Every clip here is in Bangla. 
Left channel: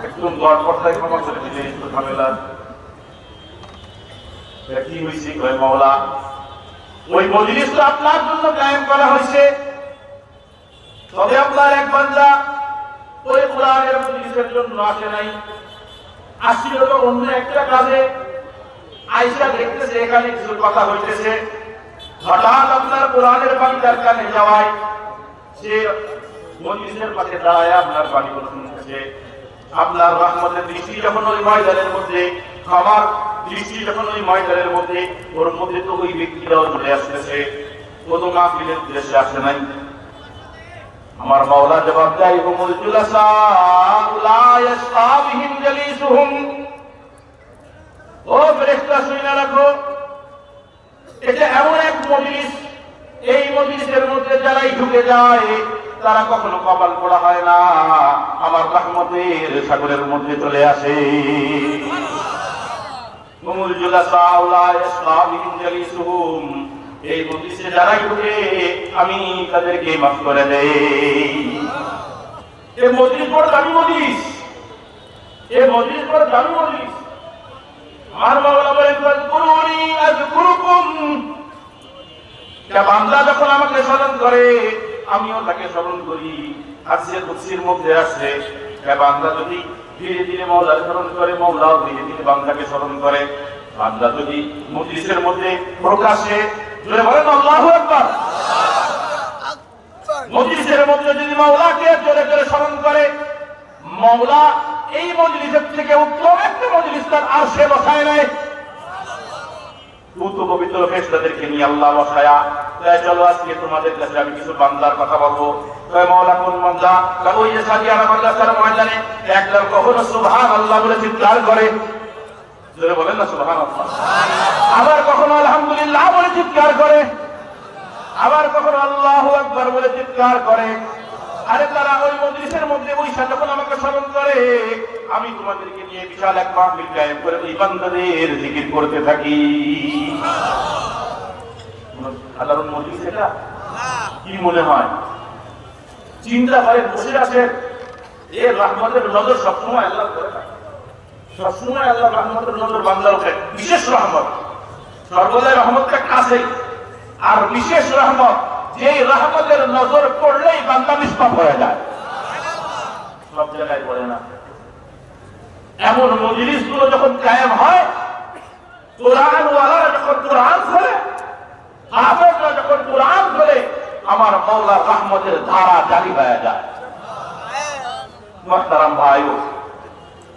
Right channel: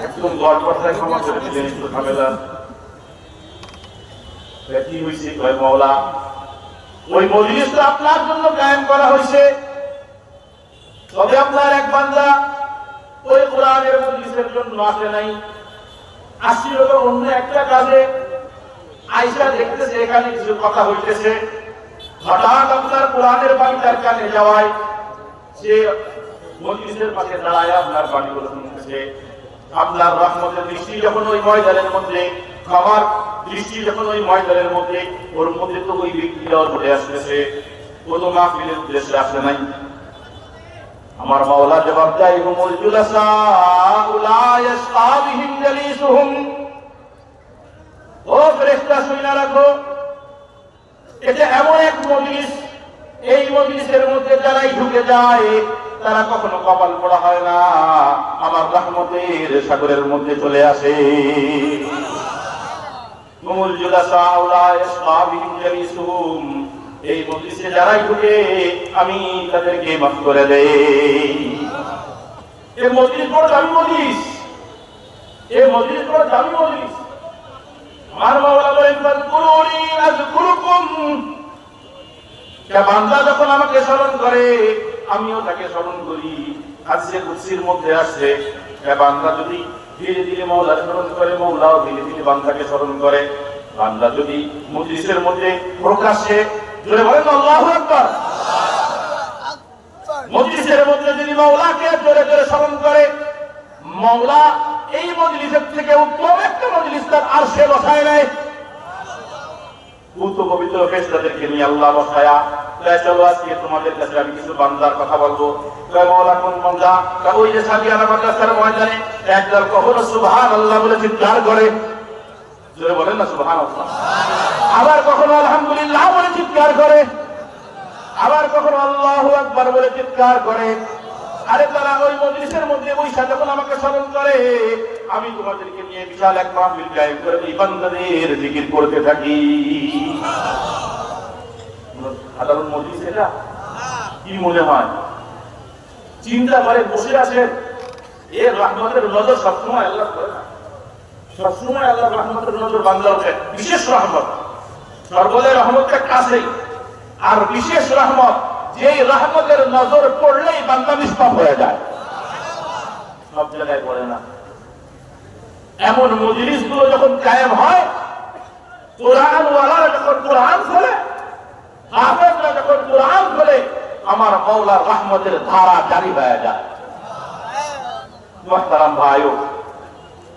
একদম গড় পর্দায় ক্ষমা করে দিলেন একটু ঝামেলা কি হয়েছে মাওলা ওই মজলিস তো আপনার জন্য কায়েম করা হয়েছে তবে আপনার এক বান্দা ওই কোরআনের মজলিসের জন্য আসে নাই আসছিল তো অন্য একটা কাজে আয়েশা দেখতেছে এখানে কিছু কথা হইতেছে হঠাৎ আপনার কোরআনের বাণী তার কানে যাওয়ায় সে মজলিসের পাশে দাঁড়ায় আপনার বাণীগুলো শুনতেছে আপনার রহমতের দৃষ্টি যখন ওই ময়দানের মধ্যে আমার দৃষ্টি যখন ওই ময়দানের মধ্যে ওর মধ্যে তো ওই ব্যক্তিরাও ধরে আসতেছে কোনো মাহফিলের উদ্দেশ্যে আসে নাই আমার মাওলা জবাব দেয় হুমুল জুলাসা লা ইয়াসতাবিহিম জালিসুহুম ও ফেরেশতা শুনে রাখো এটা এমন এক মজলিস এই মজলিসের মধ্যে যারাই ঢুকে যায় তারা কখনো কপাল পোড়া হয় না আমার রহমতের সাগরের মধ্যে চলে আসে হুমুল জুলাসা লা ইয়াসতাবিহিম জালিসুহুম এই মজলিসে যারাই ঢুকে আমি তাদেরকে মাফ করে দেই এই মজলিস বড় দামি মজলিস এই মজলিস বড় দামি মজলিস আমার মাওলা বলেন ফাযকুরুনি আযকুরুকুম বান্দা যখন আমাকে স্মরণ করে আমিও তাকে স্মরণ করি হাদিসে কুদসির মধ্যে আসে বান্দা যদি ধীরে ধীরে মাওলাকে স্মরণ করে মাওলাও ধীরে ধীরে বান্দাকে স্মরণ করে বান্দা যদি মজলিসের মধ্যে প্রকাশ্যে জোরে বলেন আল্লাহু আকবার মজলিসের মধ্যে যদি মাওলাকে জোরে জোরে স্মরণ করে মাওলা এই মজলিসের থেকে উত্তম একটা মজলিস তার আরশে বসায় নেয় তো পবিত্র ফেরেশতাদেরকে নিয়ে আল্লাহ বসায়া তাই চলো আজকে তোমাদের কাছে আমি কিছু বান্দার কথা বলবো তাই মাওলা কোন বান্দা ওই যে সাদিয়ানা মাদ্রাসার ময়দানে একদল কখনো সুবহানাল্লাহ বলে চিৎকার করে জোরে বলেন না সুবহানাল্লাহ আবার কখনো আলহামদুলিল্লাহ বলে চিৎকার করে আবার কখনো আল্লাহু আকবার বলে চিৎকার করে আরে তারা ওই মজলিসের মধ্যে বসে যখন আমাকে স্মরণ করে আমি তোমাদেরকে নিয়ে বিশাল এক মাহফিল কায়েম করে এই বান্দাদের জিকির করতে থাকি সাধারণ মজলিস এটা কি মনে হয় চিন্তা করে বসে আছে এর রহমতের নজর সবসময় আল্লাহ করে সবসময় আল্লাহর রহমতের নজর বান্দার উপরে বিশেষ রহমত সর্বদাই রহমতটা কাছেই আর বিশেষ রহমত যে রহমতের নজর পড়লেই বান্দা নিষ্পাপ হয়ে যায় সব জায়গায় পড়ে না এমন মজলিস গুলো যখন কায়েম হয় কোরআন ওয়ালা যখন কোরআন খোলে হাফেজরা যখন কোরআন খোলে আমার মাওলার রহমতের ধারা জারি হয়ে যায় মুহতারাম ভাইও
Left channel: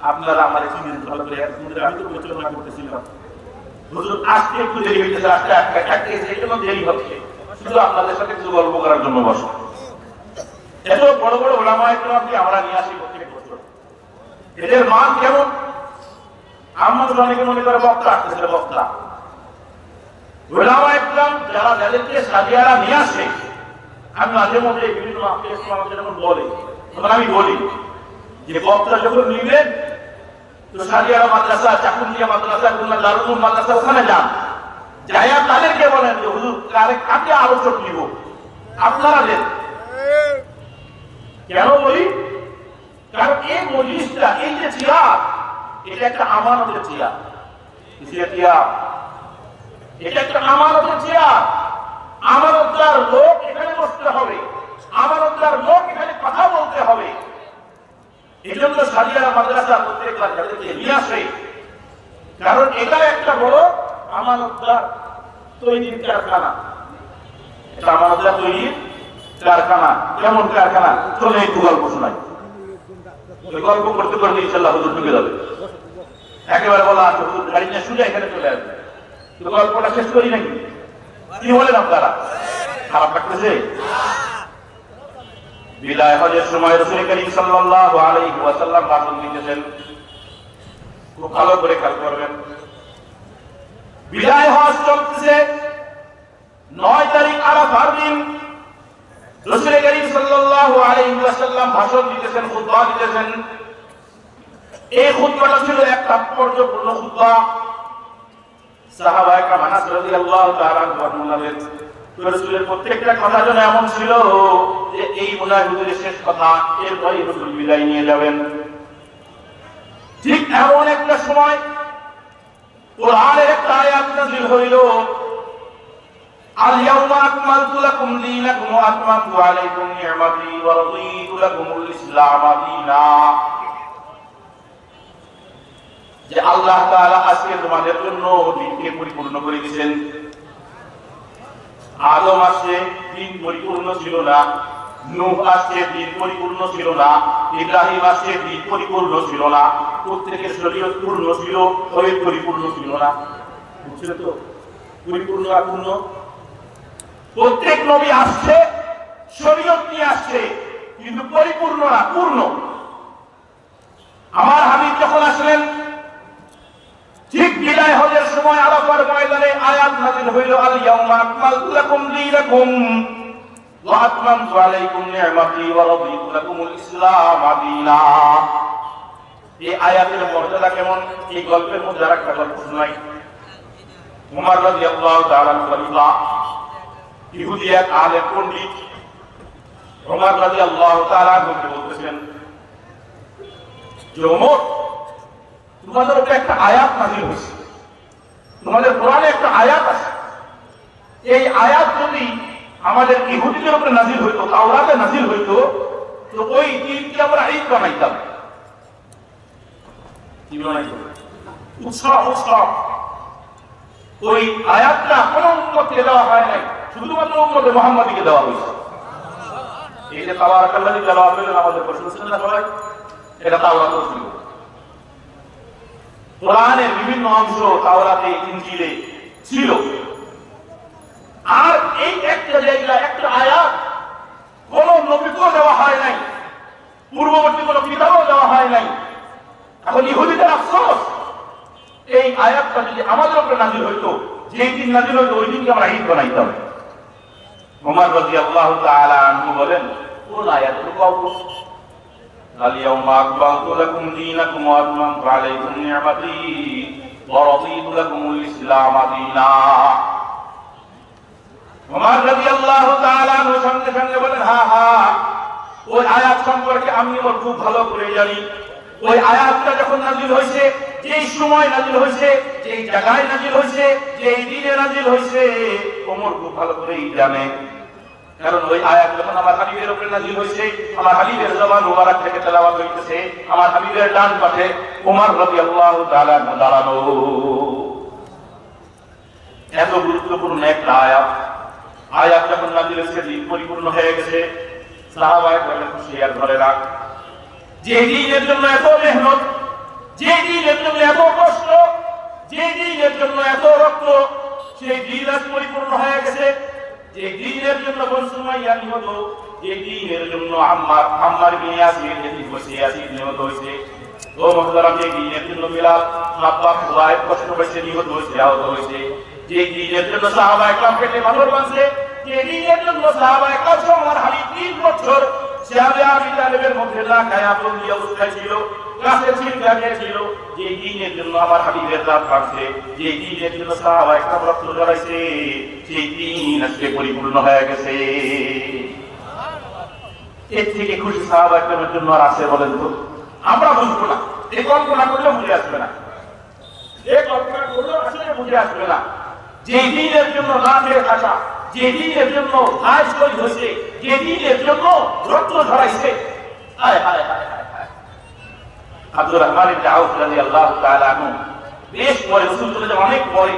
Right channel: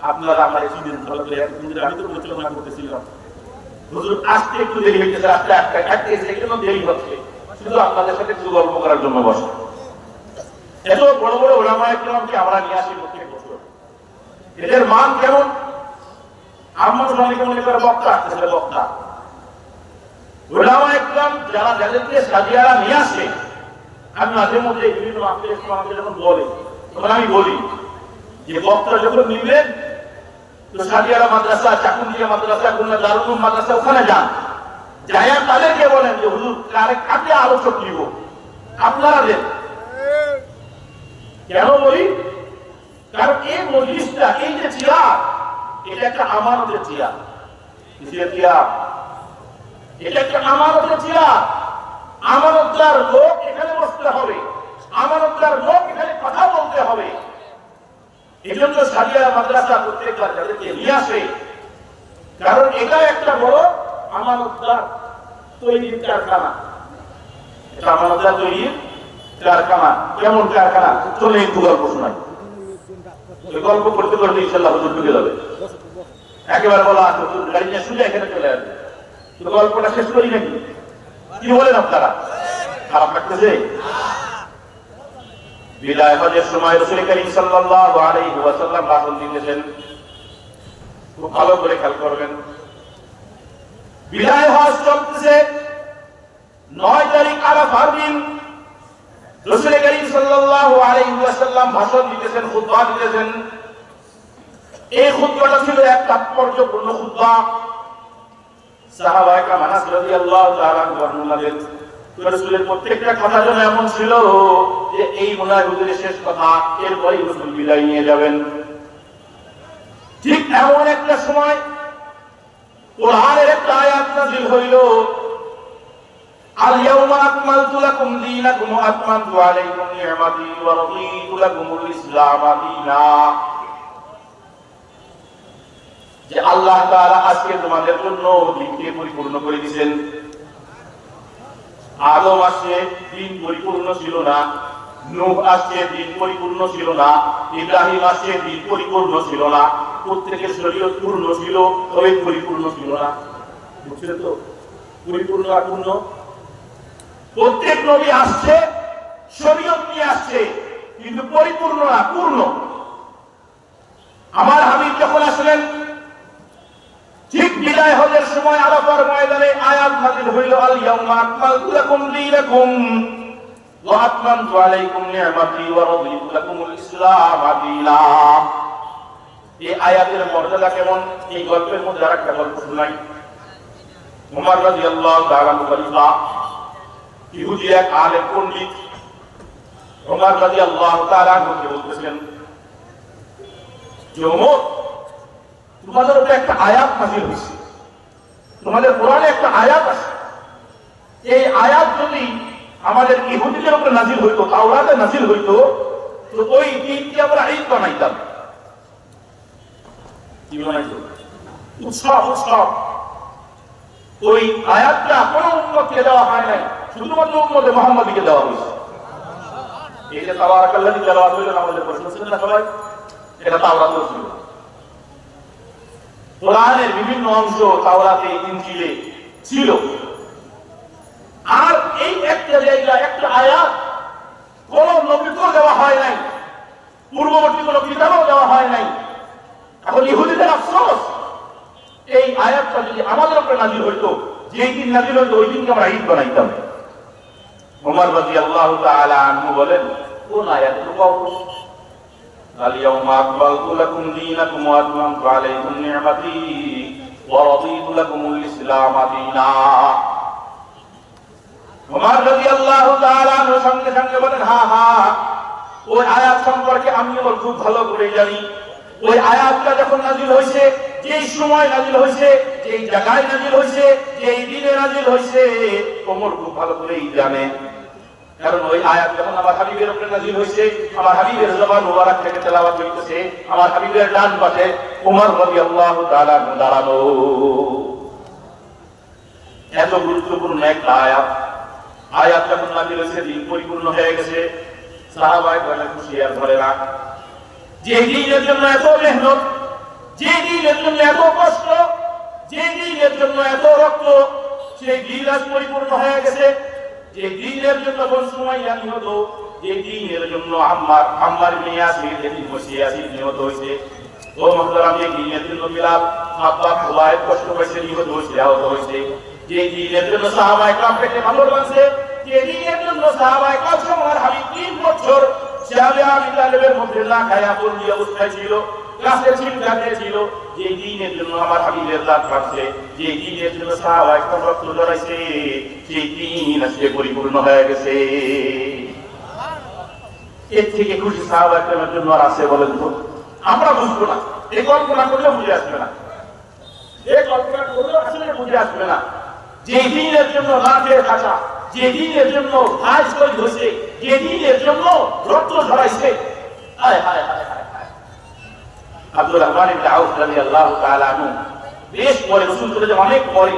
আপনারা আমাদের চিনেন ভালো করে এতক্ষণ ধরে আমি তো পরিচালনা করতেছিলাম হুজুর আজকে একটু দেরি হয়েছে আজকে একটা একটু দেরি হচ্ছে শুধু আপনাদের সাথে কিছু গল্প করার জন্য বসা এত বড় বড় ওলামা ইকরামকে আমরা নিয়ে আসি প্রত্যেক বছর এদের মান কেমন আমরা অনেক মনে করে বক্তা আসতেছে বক্তা ওলামা ইকরাম যারা যাদেরকে সাজিয়ারা নিয়ে আসে আমি মাঝে মধ্যে বিভিন্ন আত্মীয় আমাদের যখন বলে তখন আমি বলি যে বক্তা যখন নিবেন তো সাজিয়ারা মাদ্রাসা চাকুলিয়া মাদ্রাসা খুলনা দারুল উলুম মাদ্রাসা ওখানে যান যাইয়া তাদেরকে বলেন যে হুজুর কাকে আলোচক নিব আপনারা দেন কেন বলি কারণ এই মজলিসটা এই যে চেয়ার এটা একটা আমানতের চেয়ার কিসের চেয়ার এটা একটা আমানতের চেয়ার আমানতদার লোক এখানে বসতে হবে আমানতদার লোক এখানে কথা বলতে হবে এই জন্য সাজিয়া মাদ্রাসা প্রত্যেকটা যাদেরকে নিয়ে আসে কারণ এটা একটা বড় আমানতদার তৈরির কারখানা এটা আমানতদার তৈরির কারখানা কেমন কারখানা চলে একটু গল্প শোনাই ওই গল্প করতে করলে ইনশাআল্লাহ হুজুর ঢুকে যাবে একেবারে বলা হুজুর গাড়ি নিয়ে সোজা এখানে চলে আসবে তো গল্পটা শেষ করি নাকি কি বলেন আপনারা খারাপ লাগতেছে বিদায় হজের সময় রাসূল করিম সাল্লাল্লাহু আলাইহি ওয়াসাল্লাম ভাষণ দিতেছেন খুব ভালো করে খেয়াল করবেন বিদায় হজ চলতেছে 9 তারিখ আরাফার দিন রাসূল করিম সাল্লাল্লাহু আলাইহি ওয়াসাল্লাম ভাষণ দিতেছেন খুতবা দিতেছেন এই খুতবাটা ছিল এক তাৎপর্যপূর্ণ খুতবা সাহাবায়ে কেরাম আনাস রাদিয়াল্লাহু তাআলা বর্ণনা দেন রাসূলের প্রত্যেকটা কথা যেন এমন ছিল যে এই মনে হয় হুজুরের শেষ কথা এরপরই রাসূল বিদায় নিয়ে যাবেন ঠিক এমন একটা সময় কোরআনের একটা আয়াত নাযিল হইল, আল ইয়াউমা আকমালতু লাকুম দীনাকুম ওয়া আতমামতু আলাইকুম নি'মাতি ওয়া রাদিতু লাকুমুল ইসলাম দীনা। যে আল্লাহ তাআলা আজকে তোমাদের জন্য দিনকে পরিপূর্ণ করে দিয়েছেন। আদম আসছে, দিন পরিপূর্ণ ছিল না। নূহ আসছে, দিন পরিপূর্ণ ছিল না। ইব্রাহিম আসছে, দিন পরিপূর্ণ ছিল না। প্রত্যেকের শরীয়ত পূর্ণ ছিল, তবে পরিপূর্ণ ছিল না। বুঝছেন তো? পরিপূর্ণ আর পূর্ণ, প্রত্যেক নবী আসছে, শরীয়ত নিয়ে আসছে, কিন্তু পরিপূর্ণ না, পূর্ণ। আমার হাবিব যখন আসলেন, ঠিক বিদায় হজের সময় আরাফার ময়দানে আয়াত নাযিল হইল, আল ইয়াউমা আকমালতু লাকুম দীনাকুম ওয়া আতমামতু আলাইকুম নি'মাতি ওয়া রাদিতু লাকুমুল ইসলাম দীনা। এই আয়াতের মর্যাদা কেমন, এই গল্পের মধ্যে আরেকটা গল্প শোনাই। ওমর রাদিয়াল্লাহু তাআলা খলিফা, ইহুদি এক আলেম পণ্ডিত ওমর রাদিয়াল্লাহু তাআলা কে বলতেছেন, যে ওমর, তোমাদের উপরে একটা আয়াত নাযিল হয়েছে, তোমাদের কোরআনে একটা আয়াত আছে। এই আয়াত যদি আমাদের ইহুদিদের উপরে নাযিল হইতো, তাওরাতে নাযিল হইতো, তো ওই দিনকে আমরা ঈদ বানাইতাম। কি বানাইতো? উৎসব, উৎসব। ওই আয়াতটা কোনো উম্মতকে দেওয়া হয় নাই, শুধুমাত্র উম্মতে মুহাম্মাদীকে দেওয়া হয়েছে। এই যে তাওরাতুল্লাহি দেওয়া হইল, আমাদের প্রশংসা না সবাই, এটা তাওরাত ছিল। কোরআনের বিভিন্ন অংশ তাওরাতে, ইনজিলে ছিল। আর এই একটা জায়গা, একটা আয়াত কোন নবীকেও দেওয়া হয় নাই, পূর্ববর্তী কোন কিতাবও দেওয়া হয় নাই। এখন ইহুদিদের আফসোস, এই আয়াতটা যদি আমাদের উপরে নাযিল হইতো, যেই দিন নাযিল হইতো, ওই দিনকে আমরা ঈদ বানাইতাম। ওমর রাদিয়াল্লাহু তাআলা আনহু বলেন, কোন আয়াত? আল ইয়াউমা আকমালতু লাকুম দীনাকুম ওয়া আতমামতু আলাইকুম নি'মাতি ওয়া রাদিতু লাকুমুল ইসলাম দীনা। ওমর রাদিয়াল্লাহু তাআলা আনহু সঙ্গে সঙ্গে বলেন, হ্যাঁ হ্যাঁ, ওই আয়াত সম্পর্কে আমিও খুব ভালো করে জানি। ওই আয়াতটা যখন নাযিল হয়েছে, যেই সময় নাযিল হয়েছে, যেই জায়গায় নাযিল হয়েছে, যেই দিনে নাযিল হয়েছে, ওমর খুব ভালো করেই জানে। কারণ ওই আয়াত যখন আমার হাবিবের উপরে নাযিল হয়েছে, আমার হাবিবের জবান মুবারক থেকে তেলাওয়াত হইতেছে, আমার হাবিবের ডান পাশে ওমর রাদিয়াল্লাহু তাআলা দাঁড়ানো। এত গুরুত্বপূর্ণ একটা আয়াত। আয়াত যখন নাযিল হয়েছে, দিন পরিপূর্ণ হয়ে গেছে। সাহাবায়ে কেরাম খুশি আর ধরে রাখ, যে দিনের জন্য এত মেহনত, যে দিনের জন্য এত কষ্ট, যে দিনের জন্য এত রক্ত, সেই দিন আজ পরিপূর্ণ হয়ে গেছে। যে দিনের জন্য কোন সময় জানি হতো, যে দিনের জন্য আমার মেয়ে আছে, যেদিন বসে আছি নিহত হয়েছে। ও মুহতারাম, যে দিনের জন্য বিলাল হাব্বাব খুলায় কষ্ট হয়েছে, নিহত হয়েছে, আহত হয়েছে। যে দিনের জন্য সাহাবায়ে কেরাম পেটে পাথর বাঁধছে, যে দিনের জন্য সাহাবায়ে কেরাম আমার হাবিব 3 বছর শাহাদাতের মধ্যে না খায় আপন দিয়ে অবস্থায় ছিল, কাছে চিন্তা ছিল। যে দিনের জন্য আমার হাবিবের দাঁত কাটছে, যে দিনের জন্য সাহাবায়ে কেরাম রক্ত ঝরাইছে, সেই দিন আজকে পরিপূর্ণ হয়ে গেছে। এর থেকে খুশি সাহাবায়ে কেরামের জন্য আর আছে বলেন তো? আমরা বুঝবো না, এই কল্পনা করলেও বুঝে আসবে না, এই কল্পনা করলেও আসলে বুঝে আসবে না। যে দিনের জন্য না খেয়ে থাকা, যে দিনের জন্য ভাই শহীদ হয়েছে, যে দিনের জন্য রক্ত ঝরাইছে। হায় হায় হায় হায়। আব্দুর রহমান ইবনে আউফ রাদিয়াল্লাহু তাআলা আনহু বেশ পরে, রাসূল বলে অনেক পরে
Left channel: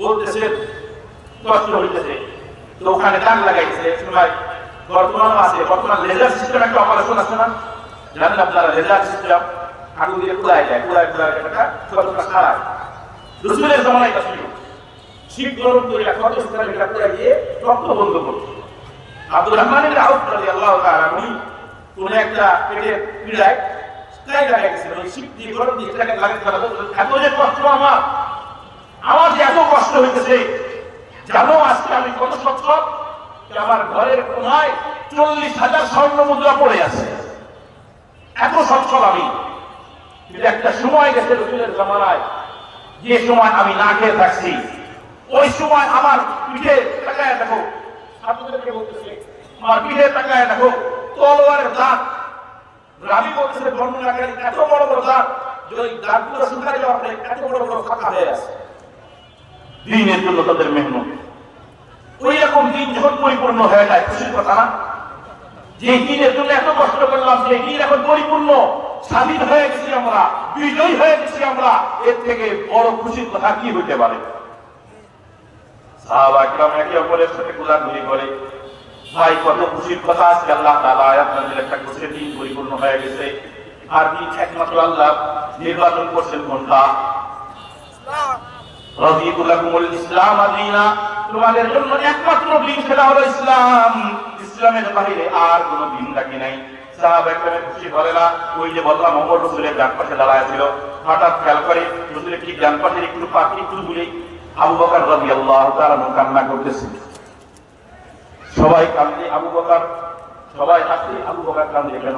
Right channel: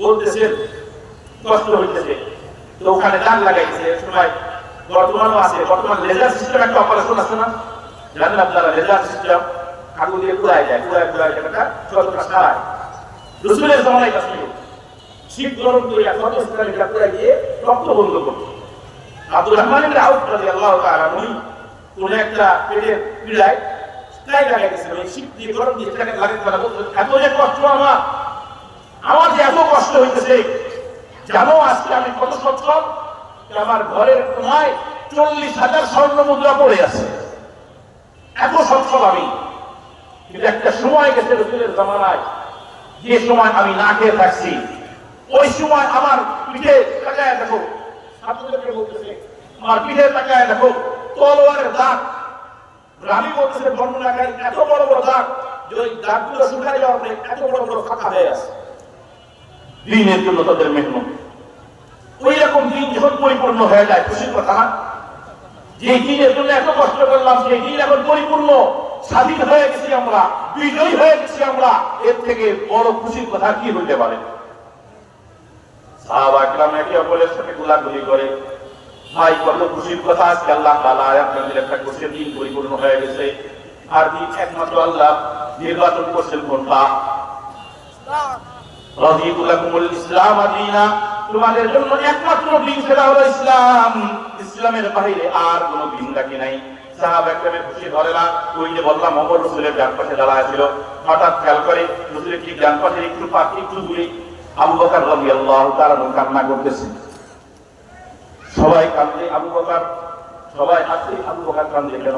বলতেছেন, কষ্ট হইতেছে, তো ওখানে দাগ লাগাইছে। সময় বর্তমানেও আছে, বর্তমান লেজার সিস্টেম একটা অপারেশন আছে না, জানেন আপনারা? লেজার সিস্টেম আগুন দিয়ে পুড়ায় যায়, পুড়ায় একটা ছোটটা সারায়। রাসূলের জামানায় ছিল, শীত গরম করে ক্ষত স্থানে এটা পুড়ায় দিয়ে রক্ত বন্ধ করত। আব্দুর রহমান ইবনে আউফ রাদিয়াল্লাহু তাআলা উনি কোন একটা পেটের পীড়ায় কাই লাগাইছেন, ওই শীত দিয়ে গরম দিয়ে এটাকে লাগাইতে তারা বলতেন, এত যে কষ্ট আমার যে এত কষ্ট হইতেছে, জানো আজকে আমি কত সচ্ছল, আমার ঘরের কোনায় 40,000 স্বর্ণ মুদ্রা পড়ে আছে, এত সচ্ছল আমি। কিন্তু একটা সময় গেছে রাসূলের জামানায়, যে সময় আমি না খেয়ে থাকছি, ওই সময় আমার পিঠে তাকায় দেখো, ছাত্রদেরকে বলতেছে, আমার পিঠে তাকায় দেখো, তলোয়ারের দাগ রাবি করতেছে বর্ণনাকারী এত বড় বড় দাগ যে ওই দাগগুলো শুকায় যাওয়ার পরে এত বড় বড় ফাঁকা হয়ে আছে। দিনের জন্য তাদের মেহনত, ওই রকম দিন যখন পরিপূর্ণ হয়ে যায়, খুশির কথা না? যে দিনের জন্য এত কষ্ট করলাম সেই দিন এখন পরিপূর্ণ, স্বাধীন হয়ে গেছি আমরা, বিজয়ী হয়ে গেছি আমরা, এর থেকে বড় খুশির কথা কি হইতে পারে? সাহাবা کرام একে অপরের সাথে গোলাগুলি করে, ভাই কত খুশির কথা, আজকে আল্লাহ তাআলা আয়াত নাযিল একটা খুশির দিন পরিপূর্ণ হয়ে গেছে। আর দিন একমাত্র আল্লাহ নির্বাচন করছেন কোনটা? রাদিতু লাকুমুল ইসলাম দীনা, তোমাদের জন্য একমাত্র দিন সেটা হলো ইসলাম, ইসলামের বাইরে আর কোনো দিন বাকি নাই। সাহাবা کرام খুশি ভরে না, ওই যে বললাম ওমর রাসূলের ডান পাশে দাঁড়ায় ছিল, হঠাৎ খেয়াল করে রাসূলের ঠিক ডান পাশে একটু পাখি একটু দূরে আবু বকর রাদিয়াল্লাহু তাআলা কান্না করতেছেন। সবাই কান্দে, আবু বকর, সবাই হাসছে, আবু বকর কান্দে কেন?